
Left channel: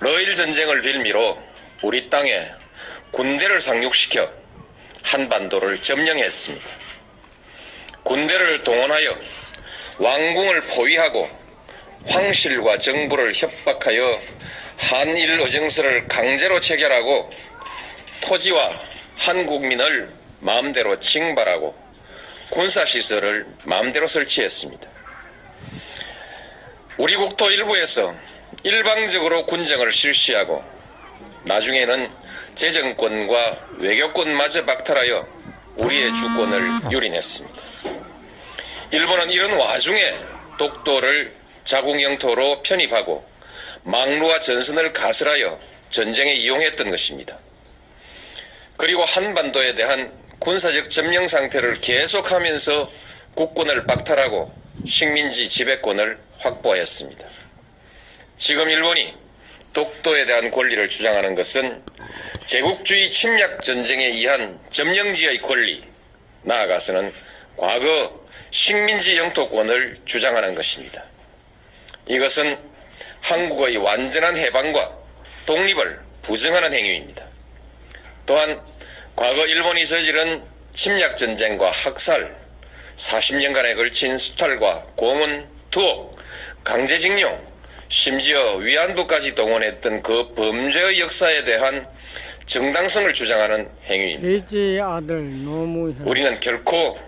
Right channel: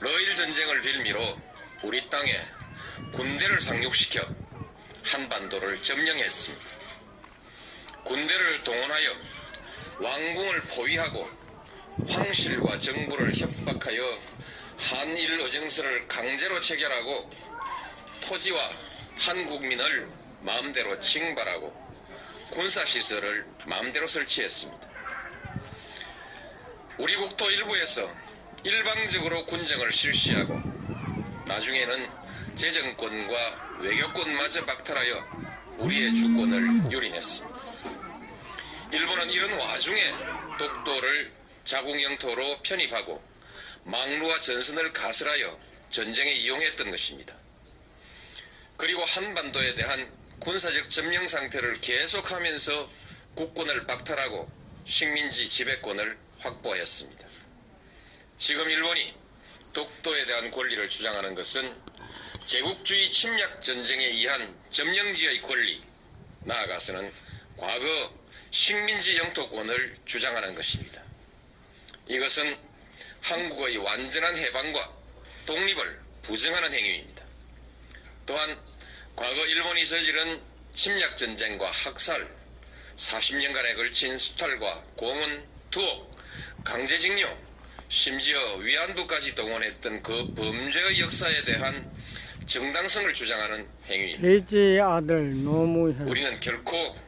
러일 전쟁을 빌미로 우리 땅에 군대를 상륙시켜 한반도를 점령했습니다. 군대를 동원하여 왕궁을 포위하고 황실과 정부를 협박하여 한일 의정서를 강제로 체결하고 토지와 한국민을 마음대로 징발하고 군사시설을 마음대로 설치했습니다. 우리 국토 일부에서 일방적으로 군정을 실시하고 나중에는 재정권과 외교권마저 박탈하여 우리의 주권을 유린했습니다. 일본은 이런 와중에 독도를 자국 영토로 편입하고 망루와 전선을 가설하여 전쟁에 이용했던 것입니다. 그리고 한반도에 대한 군사적 점령 상태를 계속하면서 국권을 박탈하고 식민지 지배권을 확보했습니다. 지금 일본이 독도에 대한 권리를 주장하는 것은 제국주의 침략 전쟁에 의한 점령지의 권리, 나아가서는 과거 식민지 영토권을 주장하는 것입니다. 이것은 한국의 완전한 해방과 독립을 부정하는 행위입니다. 또한 과거 일본이 저지른 침략 전쟁과 학살, 40년간에 걸친 수탈과 고문, 투옥, 강제징용, 심지어 위안부까지 동원했던 그 범죄의 역사에 대한 정당성을 주장하는 행위입니다. 돼지 아들 노무현. 우리는 결코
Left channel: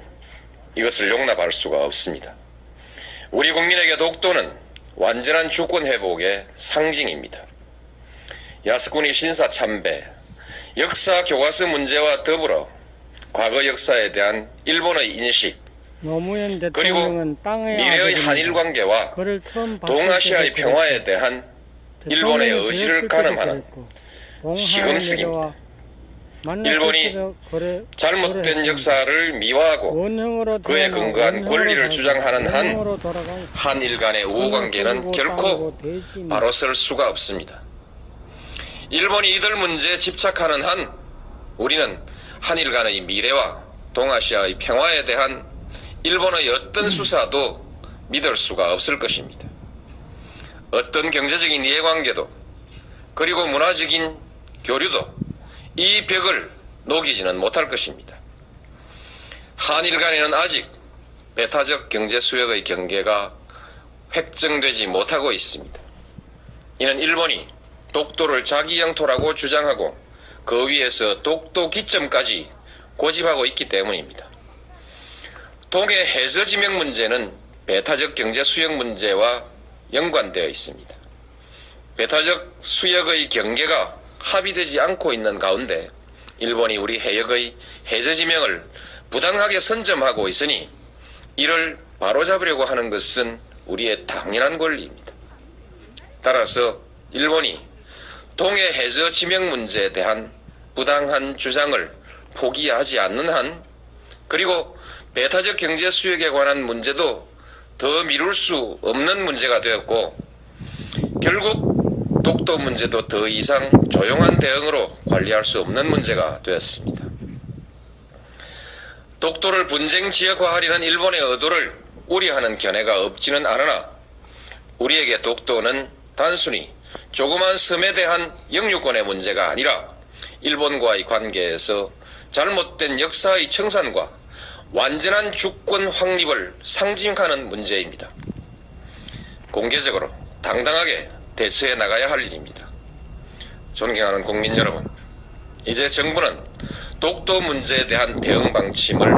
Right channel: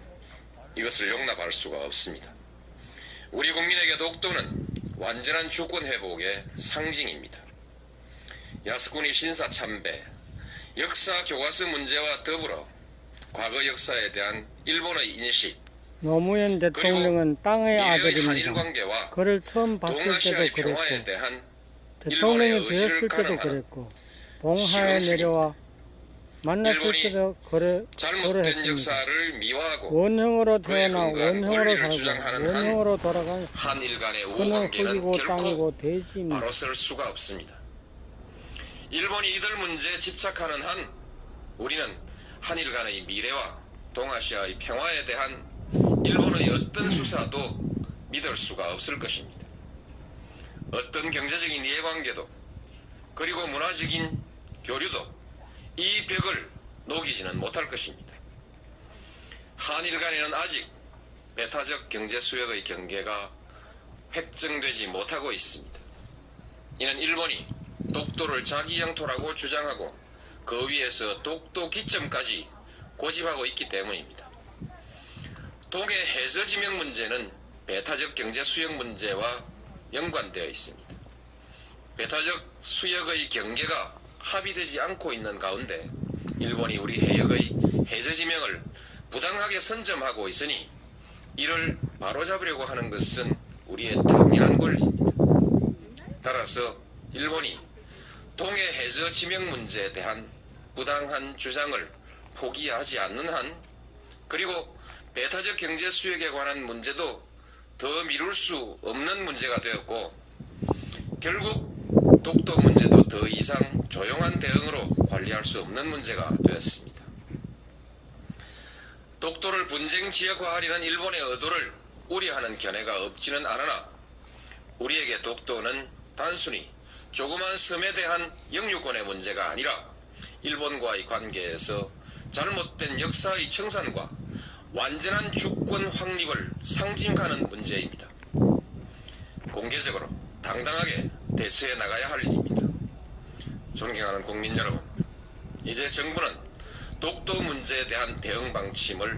이것을 용납할 수가 없습니다. 우리 국민에게 독도는 완전한 주권 회복의 상징입니다. 야스쿠니 신사 참배, 역사 교과서 문제와 더불어 과거 역사에 대한 일본의 인식, 노무현 대통령은 땅의 미래의 아들입니다. 한일 관계와 그를 처음 봤을 동아시아의 때도 평화에 그랬고, 대한 일본의 대통령이 의지를 되었을 때도 가늠하는 그랬고, 봉하에 시흥식입니다. 내려와 만났을 일본이 때도 그래 잘못된 그랬습니다. 역사를 미화하고 원형으로 그에 태어나 근거한 원형으로 권리를 살고 주장하는 한 원형으로 돌아간 한일 간의 우호관계는 결코 땅이고 돼지입니다. 바로 설 수가 없습니다. 일본이 이들 문제에 집착하는 한 우리는 한일 간의 미래와 동아시아의 평화에 대한 일본의 어떤 수사도 믿을 수가 없을 것입니다. 어떤 경제적인 이해관계도 그리고 문화적인 교류도 이 벽을 녹이지는 못할 것입니다. 한일 간에는 아직 배타적 경제 수역의 경계가 획정되지 못하고 있습니다. 이는 일본이 독도를 자기 영토라고 주장하고 그 위에서 독도 기점까지 고집하고 있기 때문입니다. 동해 해저 지명 문제는 배타적 경제 수역 문제와 연관되어 있습니다. 배타적 수역의 경계가 합의되지 않고 있는 가운데 일본이 우리 해역의 해저 지명을 부당하게 선점하고 있으니 이를 바로잡으려고 하는 것은 우리의 당연한 권리입니다. 따라서 일본이 동해 해저 지명 문제에 대한 부당한 주장을 포기하지 않는 한, 그리고 배타적 경제 수역에 관한 문제도 더 미룰 수 없는 문제가 되었고, 결국 독도 문제도 더 이상 조용한 대응으로 관리할 수 없는 문제가 되었습니다. 독도를 분쟁 지역화하려는 일본의 의도를 우려하는 견해가 없지는 않으나 우리에게 독도는 단순히 조그만 섬에 대한 영유권의 문제가 아니라 일본과의 관계에서 잘못된 역사의 청산과 완전한 주권 확립을 상징하는 문제입니다. 공개적으로 당당하게 대처해 나가야 할 일입니다. 존경하는 국민 여러분, 이제 정부는 독도 문제에 대한 대응 방침을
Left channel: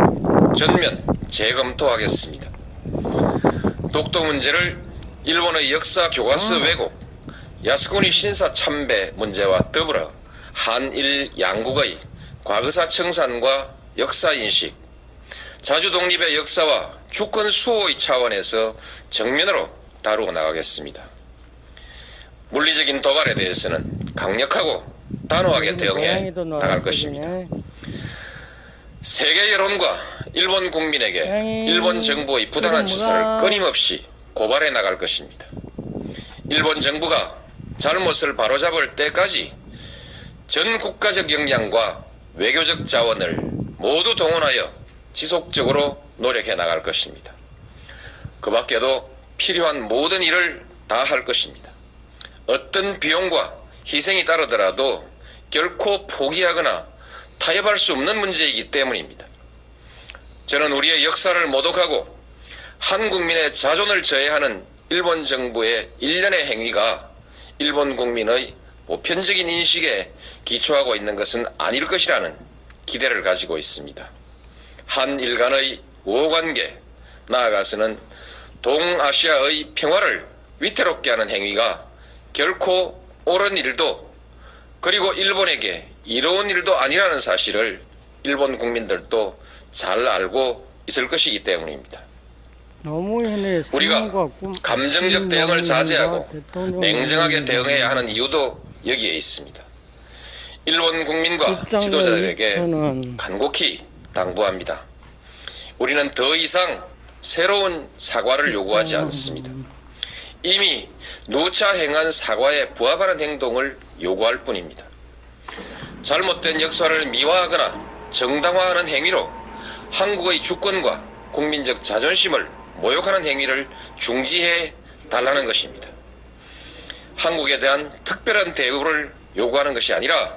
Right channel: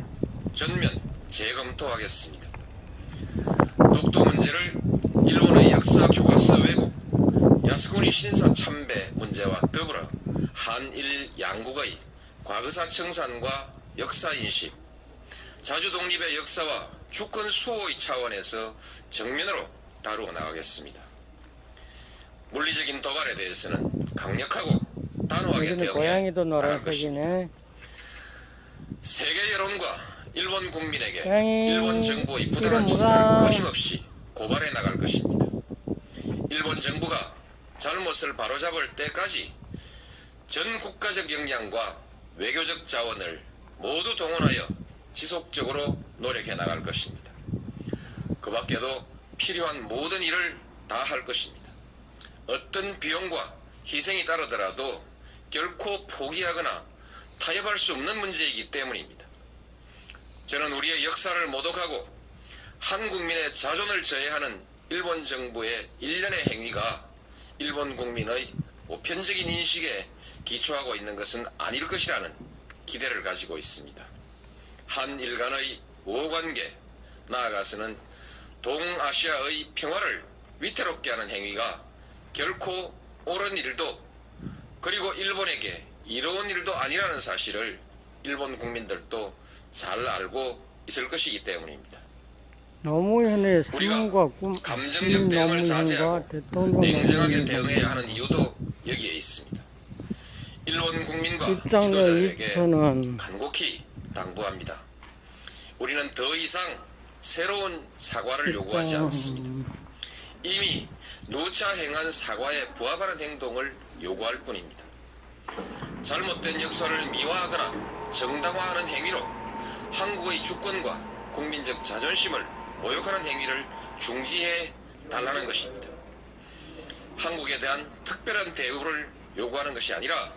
전면 재검토하겠습니다. 독도 문제를 일본의 역사 교과서 왜곡, 야스쿠니 신사 참배 문제와 더불어 한일 양국의 과거사 청산과 역사인식, 자주독립의 역사와 주권 수호의 차원에서 정면으로 다루어 나가겠습니다. 물리적인 도발에 대해서는 강력하고 단호하게 여기는 대응해 고양이도 나갈 것입니다. 노란색이네. 세계 여론과 일본 국민에게 고양이, 일본 정부의 부당한 이건 짓을 뭐가? 끊임없이 고발해 나갈 것입니다. 일본 정부가 잘못을 바로잡을 때까지 전 국가적 역량과 외교적 자원을 모두 동원하여 지속적으로 노력해 나갈 것입니다. 그 밖에도 필요한 모든 일을 다 할 것입니다. 어떤 비용과 희생이 따르더라도 결코 포기하거나 타협할 수 없는 문제이기 때문입니다. 저는 우리의 역사를 모독하고 한국민의 자존을 저해하는 일본 정부의 일련의 행위가 일본 국민의 보편적인 인식에 기초하고 있는 것은 아닐 것이라는 기대를 가지고 있습니다. 한일 간의 우호관계, 나아가서는 동아시아의 평화를 위태롭게 하는 행위가 결코 옳은 일도 그리고 일본에게 이로운 일도 아니라는 사실을 일본 국민들도 잘 알고 있을 것이기 때문입니다. 노무현의 우리가 삶과 꿈, 감정적 대응을 자제하고 대통령 냉정하게 노무현의 대응해야 하는 이유도 여기에 있습니다. 일본 국민과 입장을 지도자들에게 저는 간곡히 당부합니다. 우리는 더 이상 새로운 사과를 요구하지 않습니다. 이미 누차 행한 사과에 부합하는 행동을 요구할 뿐입니다. 잘못된 역사를 미화하거나 정당화하는 행위로 한국의 주권과 국민적 자존심을 모욕하는 행위를 중지해 달라는 것입니다. 한국에 대한 특별한 대우를 요구하는 것이 아니라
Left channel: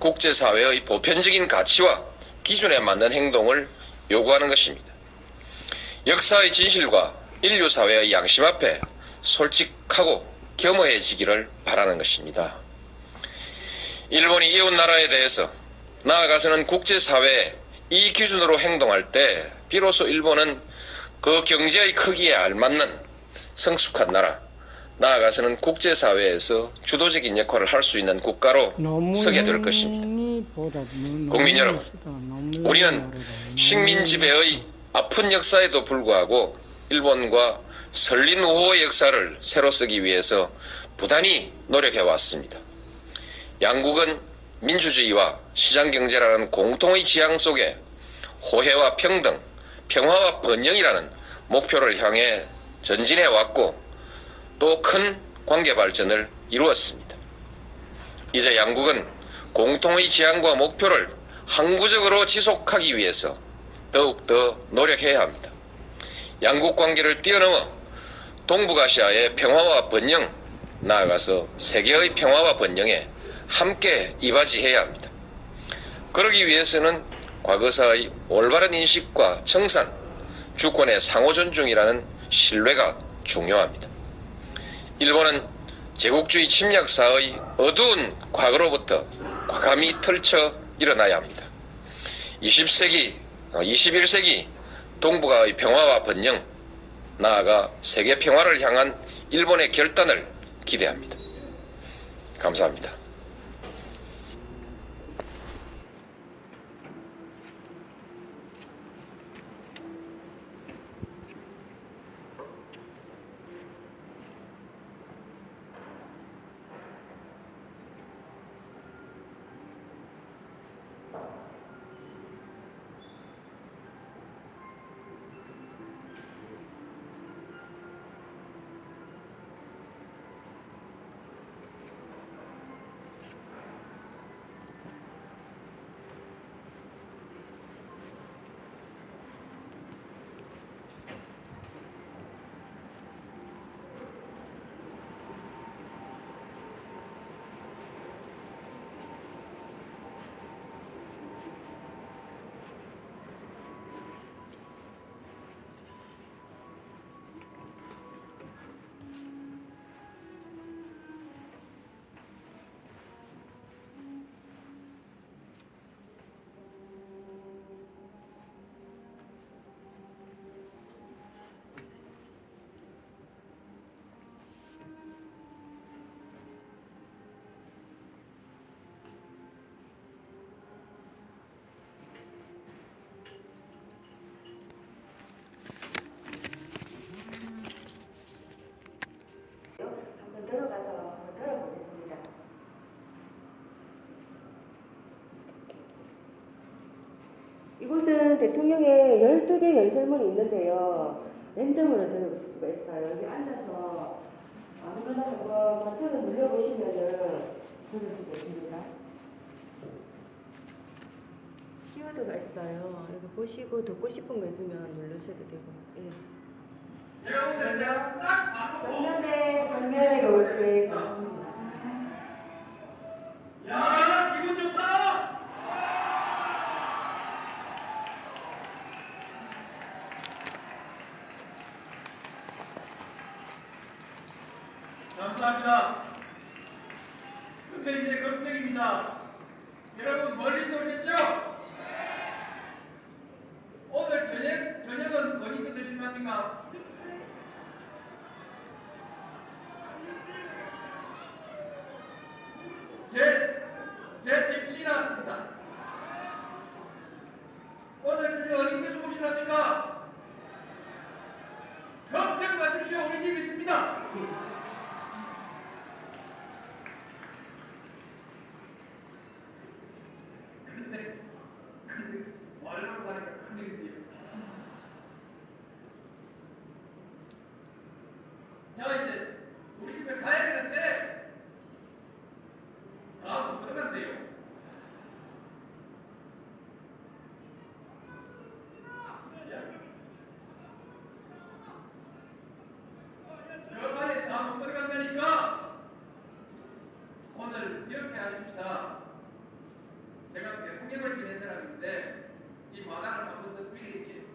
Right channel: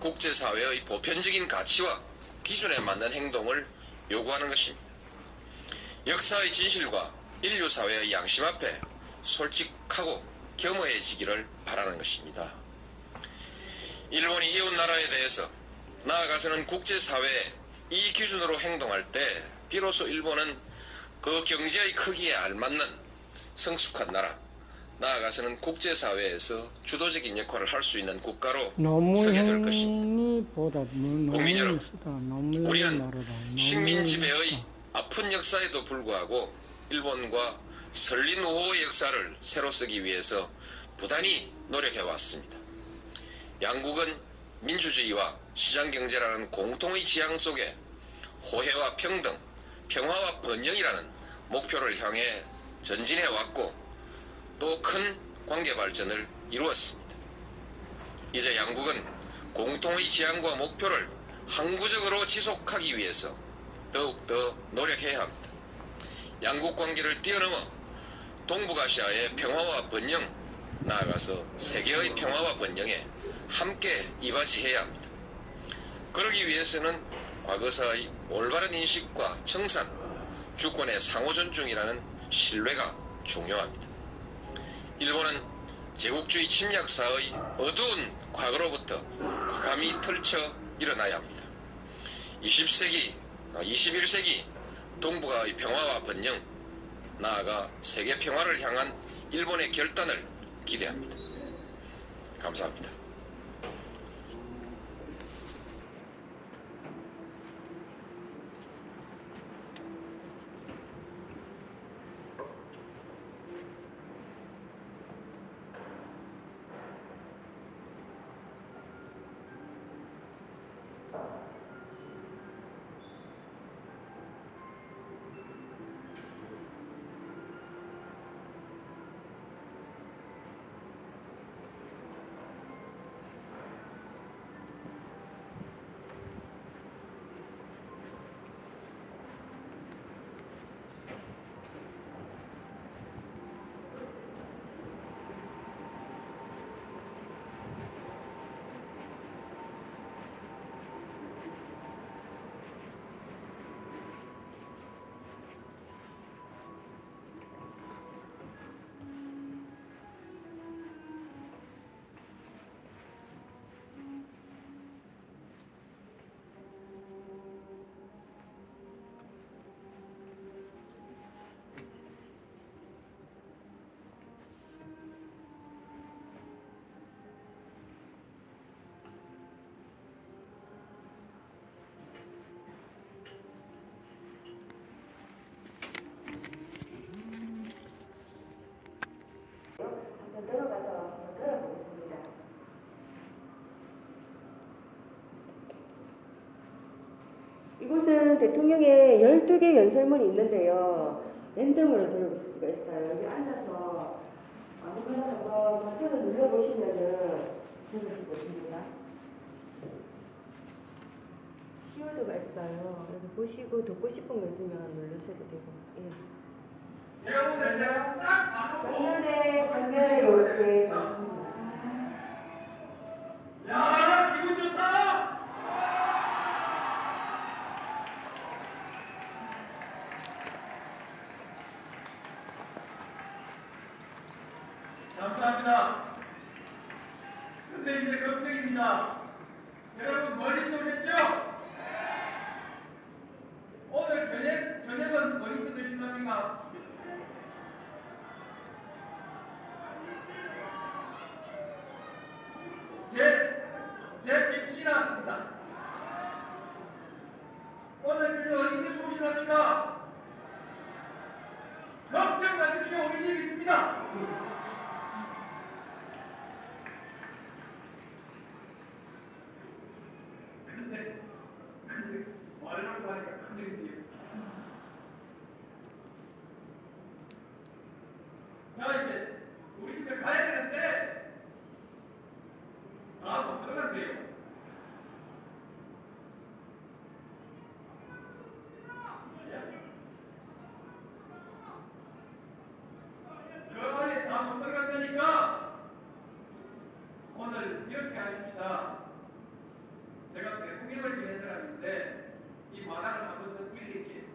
국제사회의 보편적인 가치와 기준에 맞는 행동을 요구하는 것입니다. 역사의 진실과 인류사회의 양심 앞에 솔직하고 겸허해지기를 바라는 것입니다. 일본이 이웃나라에 대해서 나아가서는 국제사회에 이 기준으로 행동할 때 비로소 일본은 그 경제의 크기에 알맞는 성숙한 나라, 나아가서는 국제사회에서 주도적인 역할을 할 수 있는 국가로 서게 될 것입니다. 국민 여러분, 우리는 식민 지배의 아픈 역사에도 불구하고 일본과 설린 우호의 역사를 새로 쓰기 위해서 부단히 노력해 왔습니다. 양국은 민주주의와 시장경제라는 공통의 지향 속에 호혜와 평등, 평화와 번영이라는 목표를 향해 전진해 왔고 또 큰 관계 발전을 이루었습니다. 이제 양국은 공통의 지향과 목표를 항구적으로 지속하기 위해서 더욱더 노력해야 합니다. 양국 관계를 뛰어넘어 동북아시아의 평화와 번영, 나아가서 세계의 평화와 번영에 함께 이바지해야 합니다. 그러기 위해서는 과거사의 올바른 인식과 청산, 주권의 상호 존중이라는 신뢰가 중요합니다. 일본은 제국주의 침략사의 어두운 과거로부터 과감히 털쳐 일어나야 합니다. 21세기 동북아의 평화와 번영, 나아가 세계 평화를 향한 일본의 결단을 기대합니다. 감사합니다. 이곳은 대통령의 12개 연설문이 있는데요. 랜덤으로 들을 수가 있어요. 여기 앉아서 아무거나 한번 버튼을 눌러보시면은 들을 수가 있습니다. 키워드가 있어요. 이거 보시고 듣고 싶은 거 있으면 누르셔도 되고. 예. 여러분들 제가 딱 봐도 정면에 요렇게 야 기분 좋다. 감사합니다. 근데 이제 걱정입니다. 여러분 멀리서 오셨죠? 오늘 저녁은 어디서 드실 겁니까? 제 집 지나왔습니다. 오늘 저녁 어디서 주무시랍니까? 걱정 마십시오. 우리 집 있습니다. 근데 말로 하니까 큰일이지. 자 이제 우리 집에 가야 되는데 못 들어간대요. 그 안에 다 못 들어간다니까 오늘 이렇게 하십시다. 제가 대통령을 지낸 사람인데 이 마당을 한 번 더 빌리겠지.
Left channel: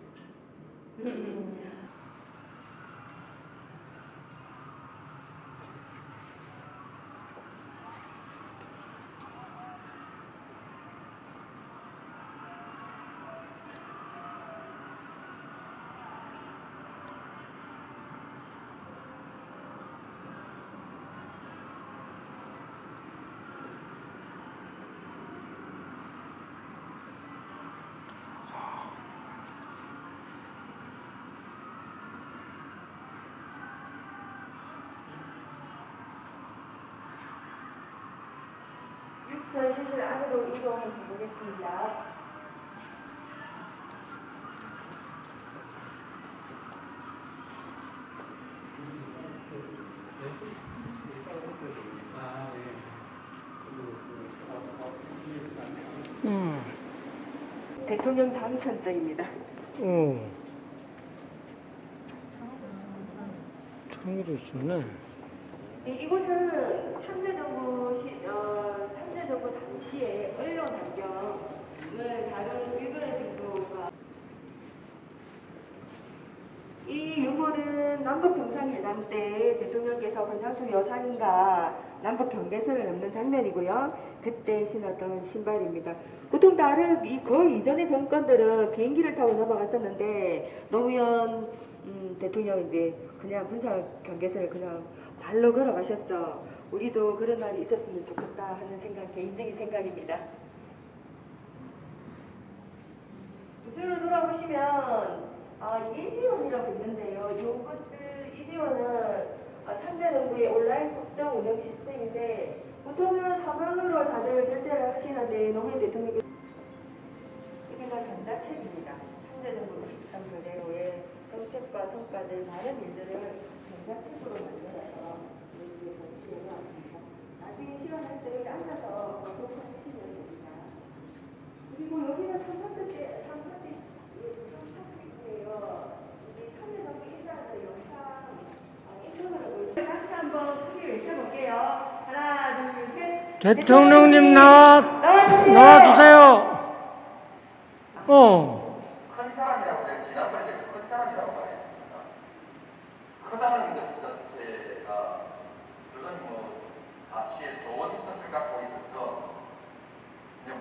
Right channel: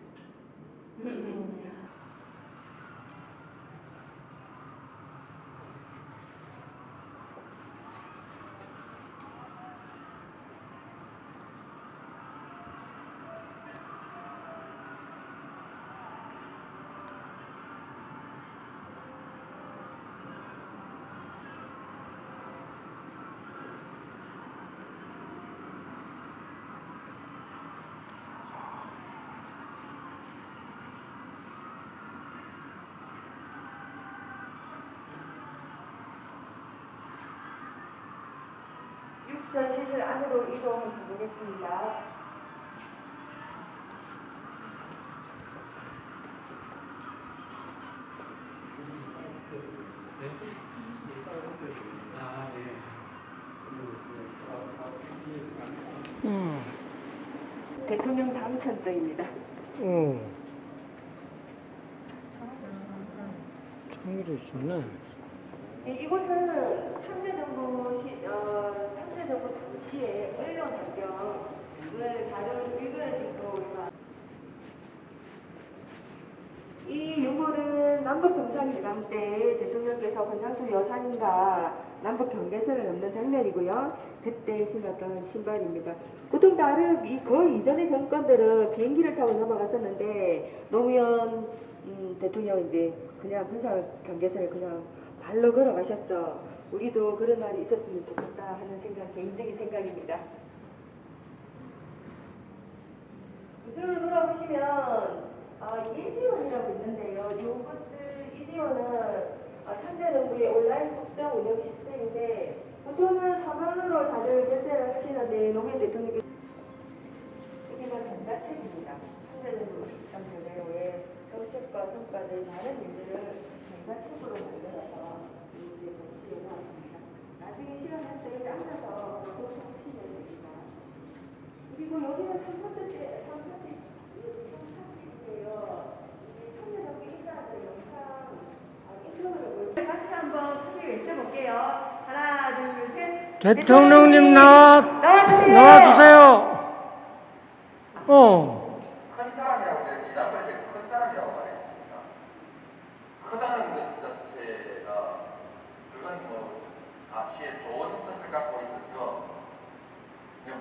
육전시실 안으로 이동해 보겠습니다. 대통령 당선자입니다. 창의를 있었네. 네, 이곳은 참여정부 당시에 언론 환경을 다룬 일본의 정도가 이 유물은 남북 정상회담 때 대통령께서 권장수 여사님과 남북 경계선을 넘는 장면이고요. 그때 신었던 신발입니다. 보통 다른 그 이전의 정권들은 비행기를 타고 넘어갔었는데 노무현 대통령 이제 그냥 군사 경계선을 그냥 발로 걸어가셨죠. 우리도 그런 날이 있었으면 좋겠다 하는 생각, 개인적인 생각입니다. 우측으로 돌아보시면 이지원이라고 있는데요. 이지원은 참여정부의 온라인 국정 운영 시스템인데 보통은 서면으로 다들 결제를 하시는데 노무현 대통령께서 우리가 전자책입니다. 참여정부 63년 내로의 정책과 성과들 많은 일들을 전자책으로 만들어서 여기에 전시해 놓았습니다. 나중에 시간 날 때 앉아서 공부하시면 됩니다. 그리고 여기는 삼선대인데요. 이 참여정부 인사들 영상 인터넷으로 같이 한번 크게 외쳐볼게요. 하나, 둘, 셋. 대통령님 나와주세요. 나와주세요. 큰 사람이라고 제가 지난번에 큰 사람이라고 말했습니다. 크다는 것 자체가 그건 앞시에 좋은 뜻을 갖고 있어서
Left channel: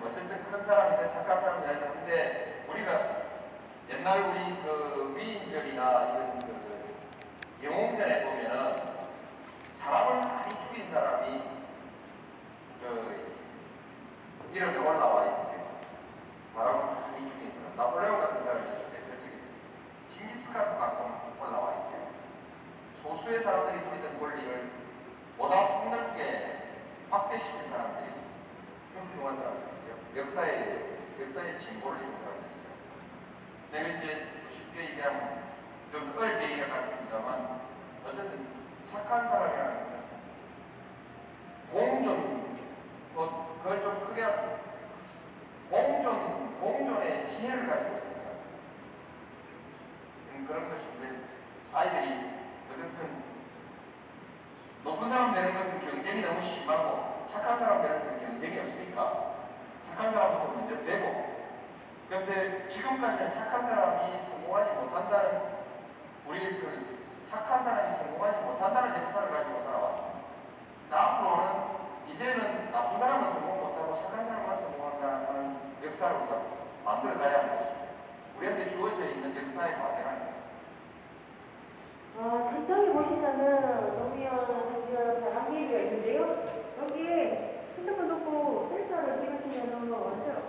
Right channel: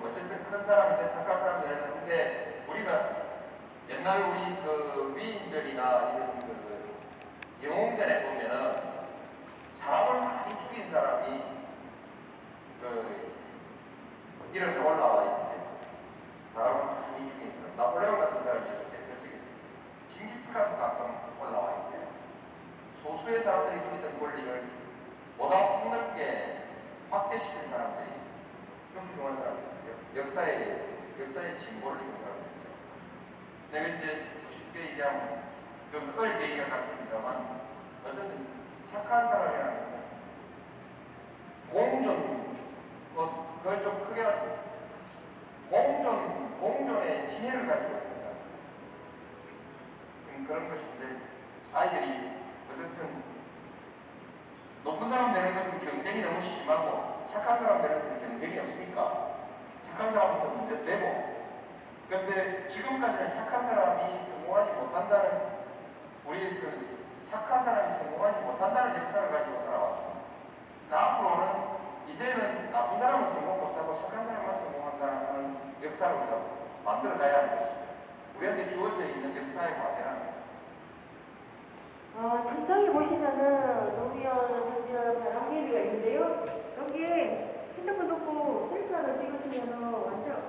어쨌든 큰 사람이든 착한 사람이든 했는데 우리가 옛날 우리 그 위인전이나 이런 그 영웅전에 보면은 사람을 많이 죽인 사람이 이름이 올라와 있어요. 사람을 많이 죽인 사람. 나폴레옹 같은 사람이 대표적이죠. 징기스칸도 가끔 올라와 있고요. 소수의 사람들이 누리던 권리를 보다 폭넓게 확대시킨 사람들이 그 훌륭한 사람들이죠. 역사에 대해서, 역사의 진보를 이룬 사람들이죠. 얘기하면 그 어릴 때 얘기가 같습니다만 어떤 착한 사람이라는 것은 그걸 좀 크게 공존의 지혜를 가지고 있는 사람. 그런 것인데 아이들이 어쨌든 높은 사람 되는 것은 경쟁이 너무 심하고 착한 사람 되는 것은 경쟁이 없으니까 착한 사람부터 먼저 되고 그런데 지금까지는 착한 사람이 성공하지 못한다는 우리 착한 사람이 성공하지 못한다는 역사를 가지고 살아왔습니다. 앞으로는 이제는 나쁜 사람은 성공 못하고 착한 사람만 성공한다는 역사를 우리가 만들어 가야 하는 것입니다. 우리한테 주어져 있는 역사의 과제라는 것입니다. 전장에 보시면은 노무현 선수 벼랑예비가 있는데요. 여기에 핸드폰 놓고 셀카를 찍으시면은 완전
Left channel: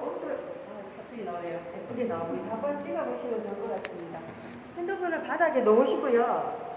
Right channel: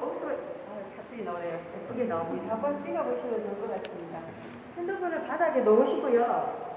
사진이 나오네요. 예쁘게 나오고 한번 찍어보시면 좋을 것 같습니다. 핸드폰을 바닥에 놓으시고요.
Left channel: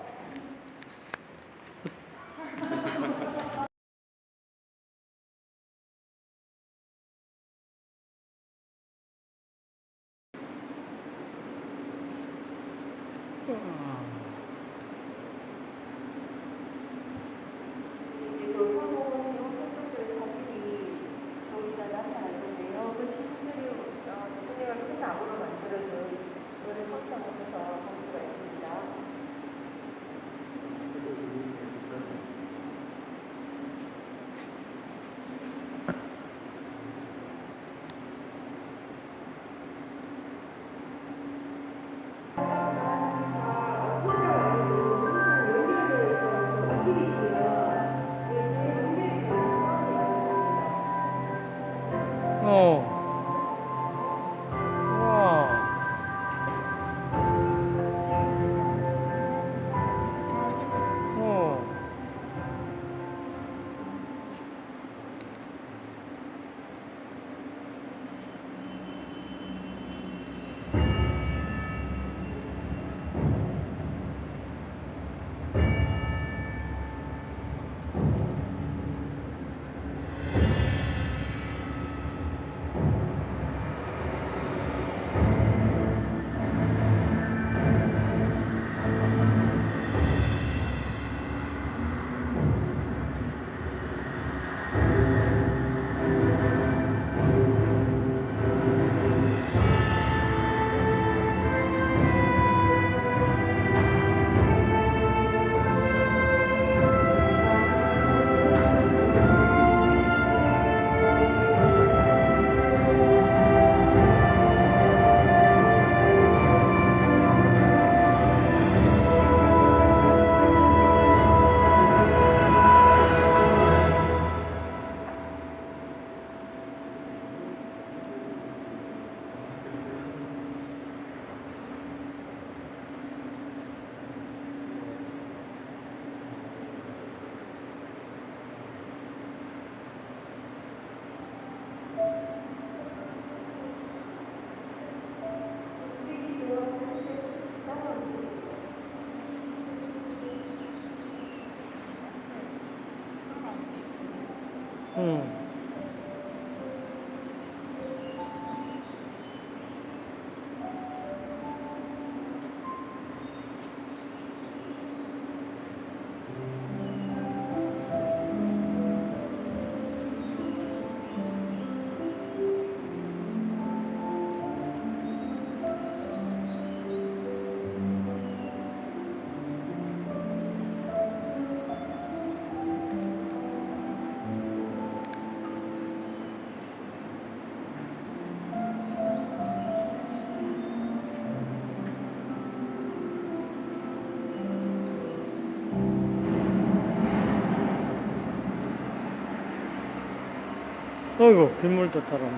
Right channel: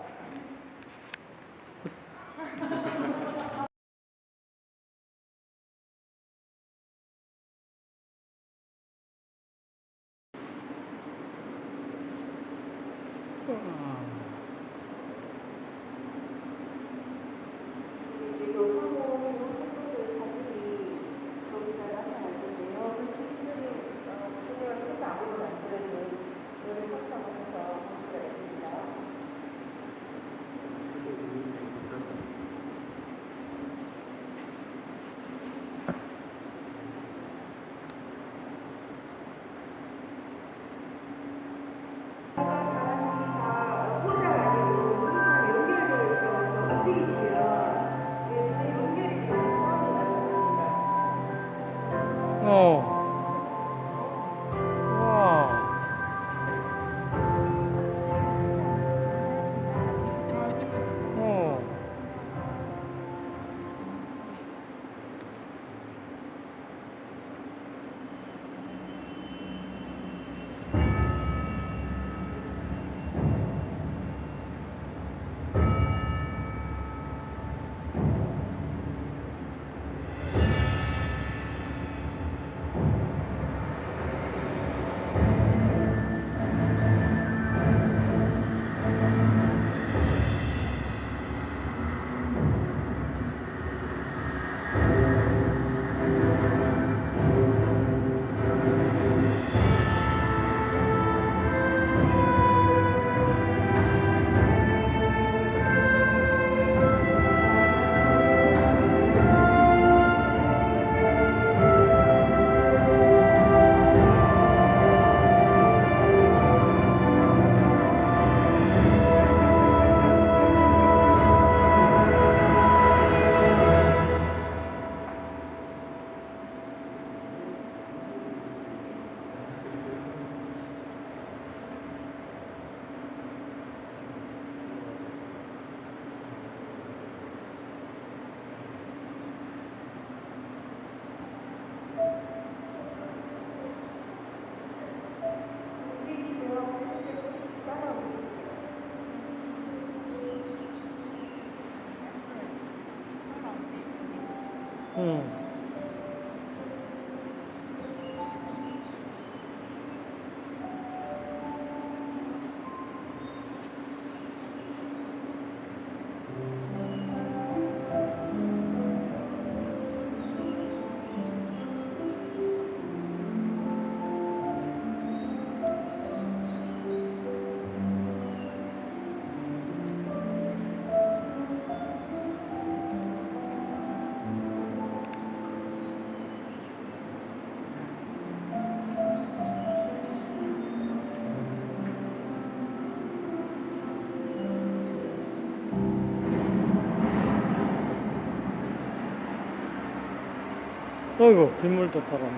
어이구, 빗물도 따라.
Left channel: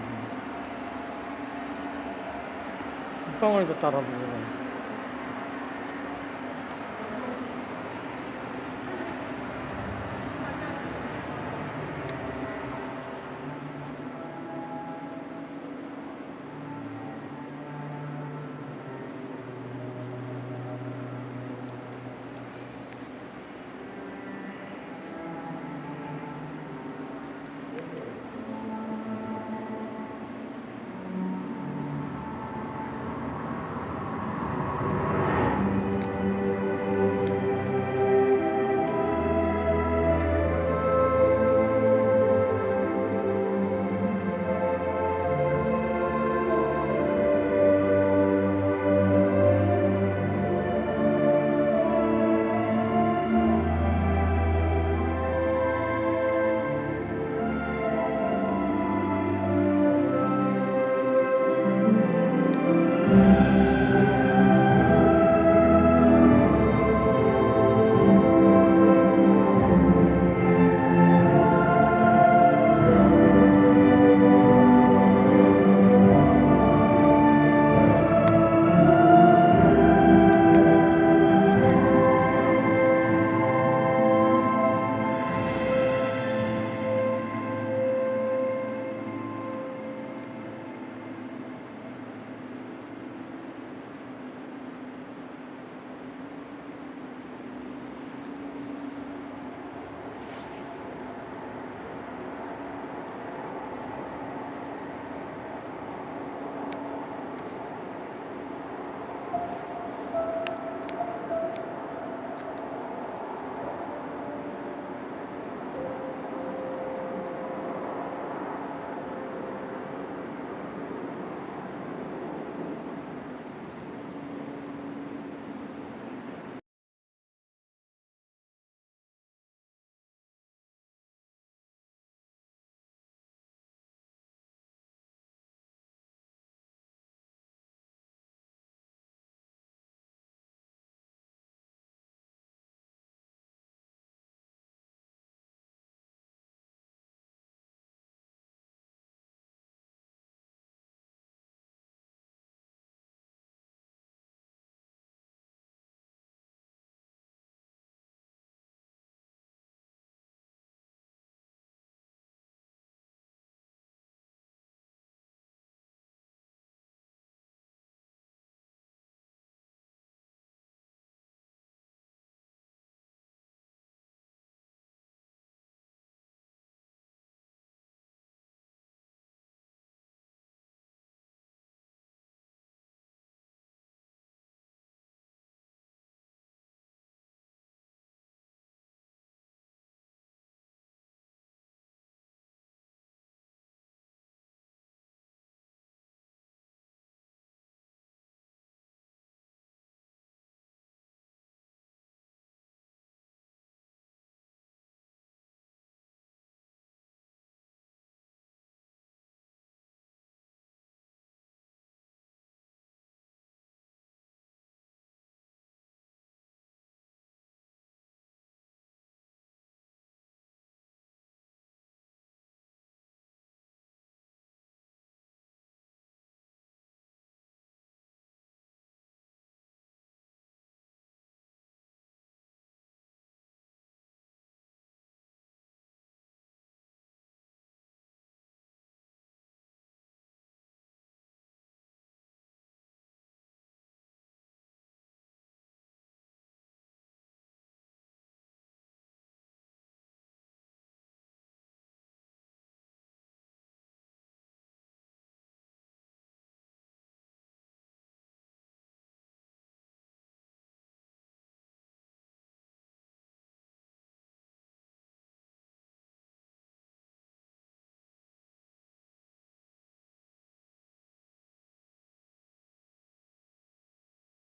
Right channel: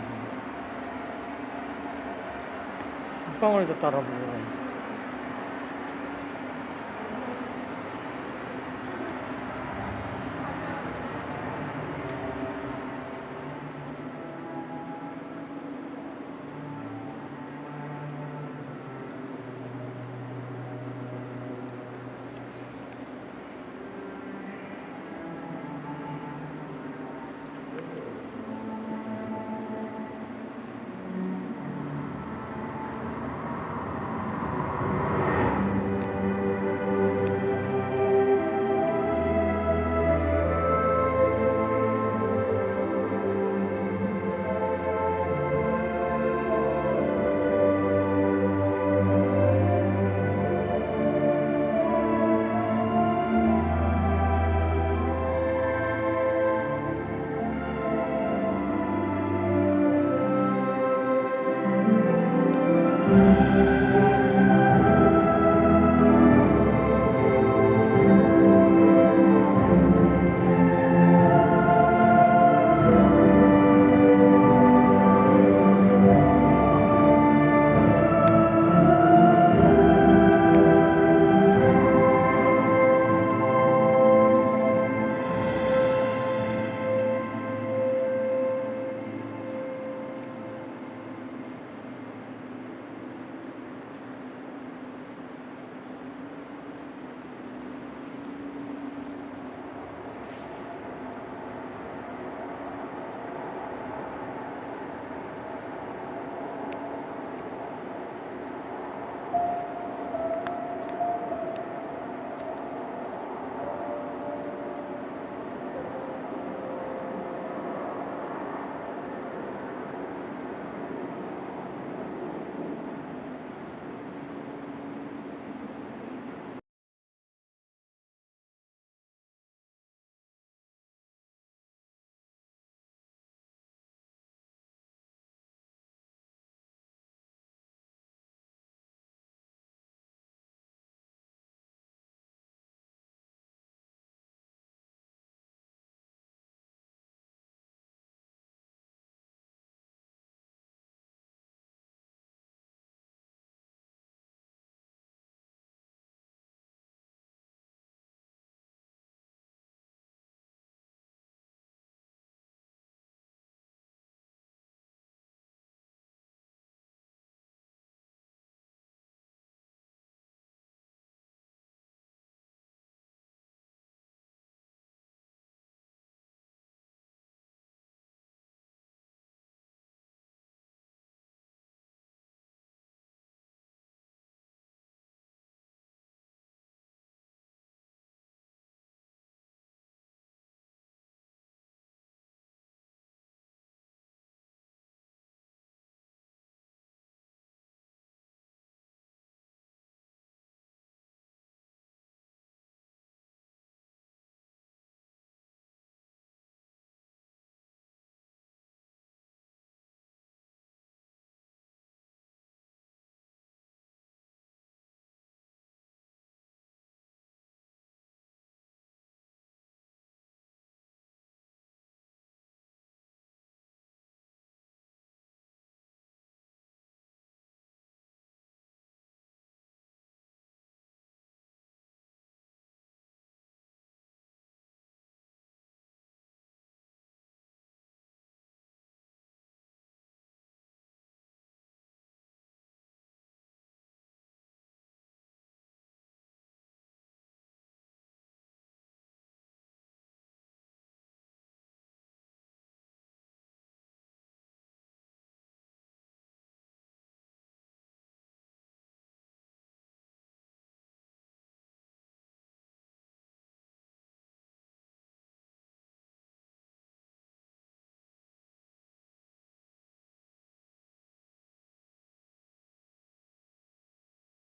빗방울도 따라 부르네.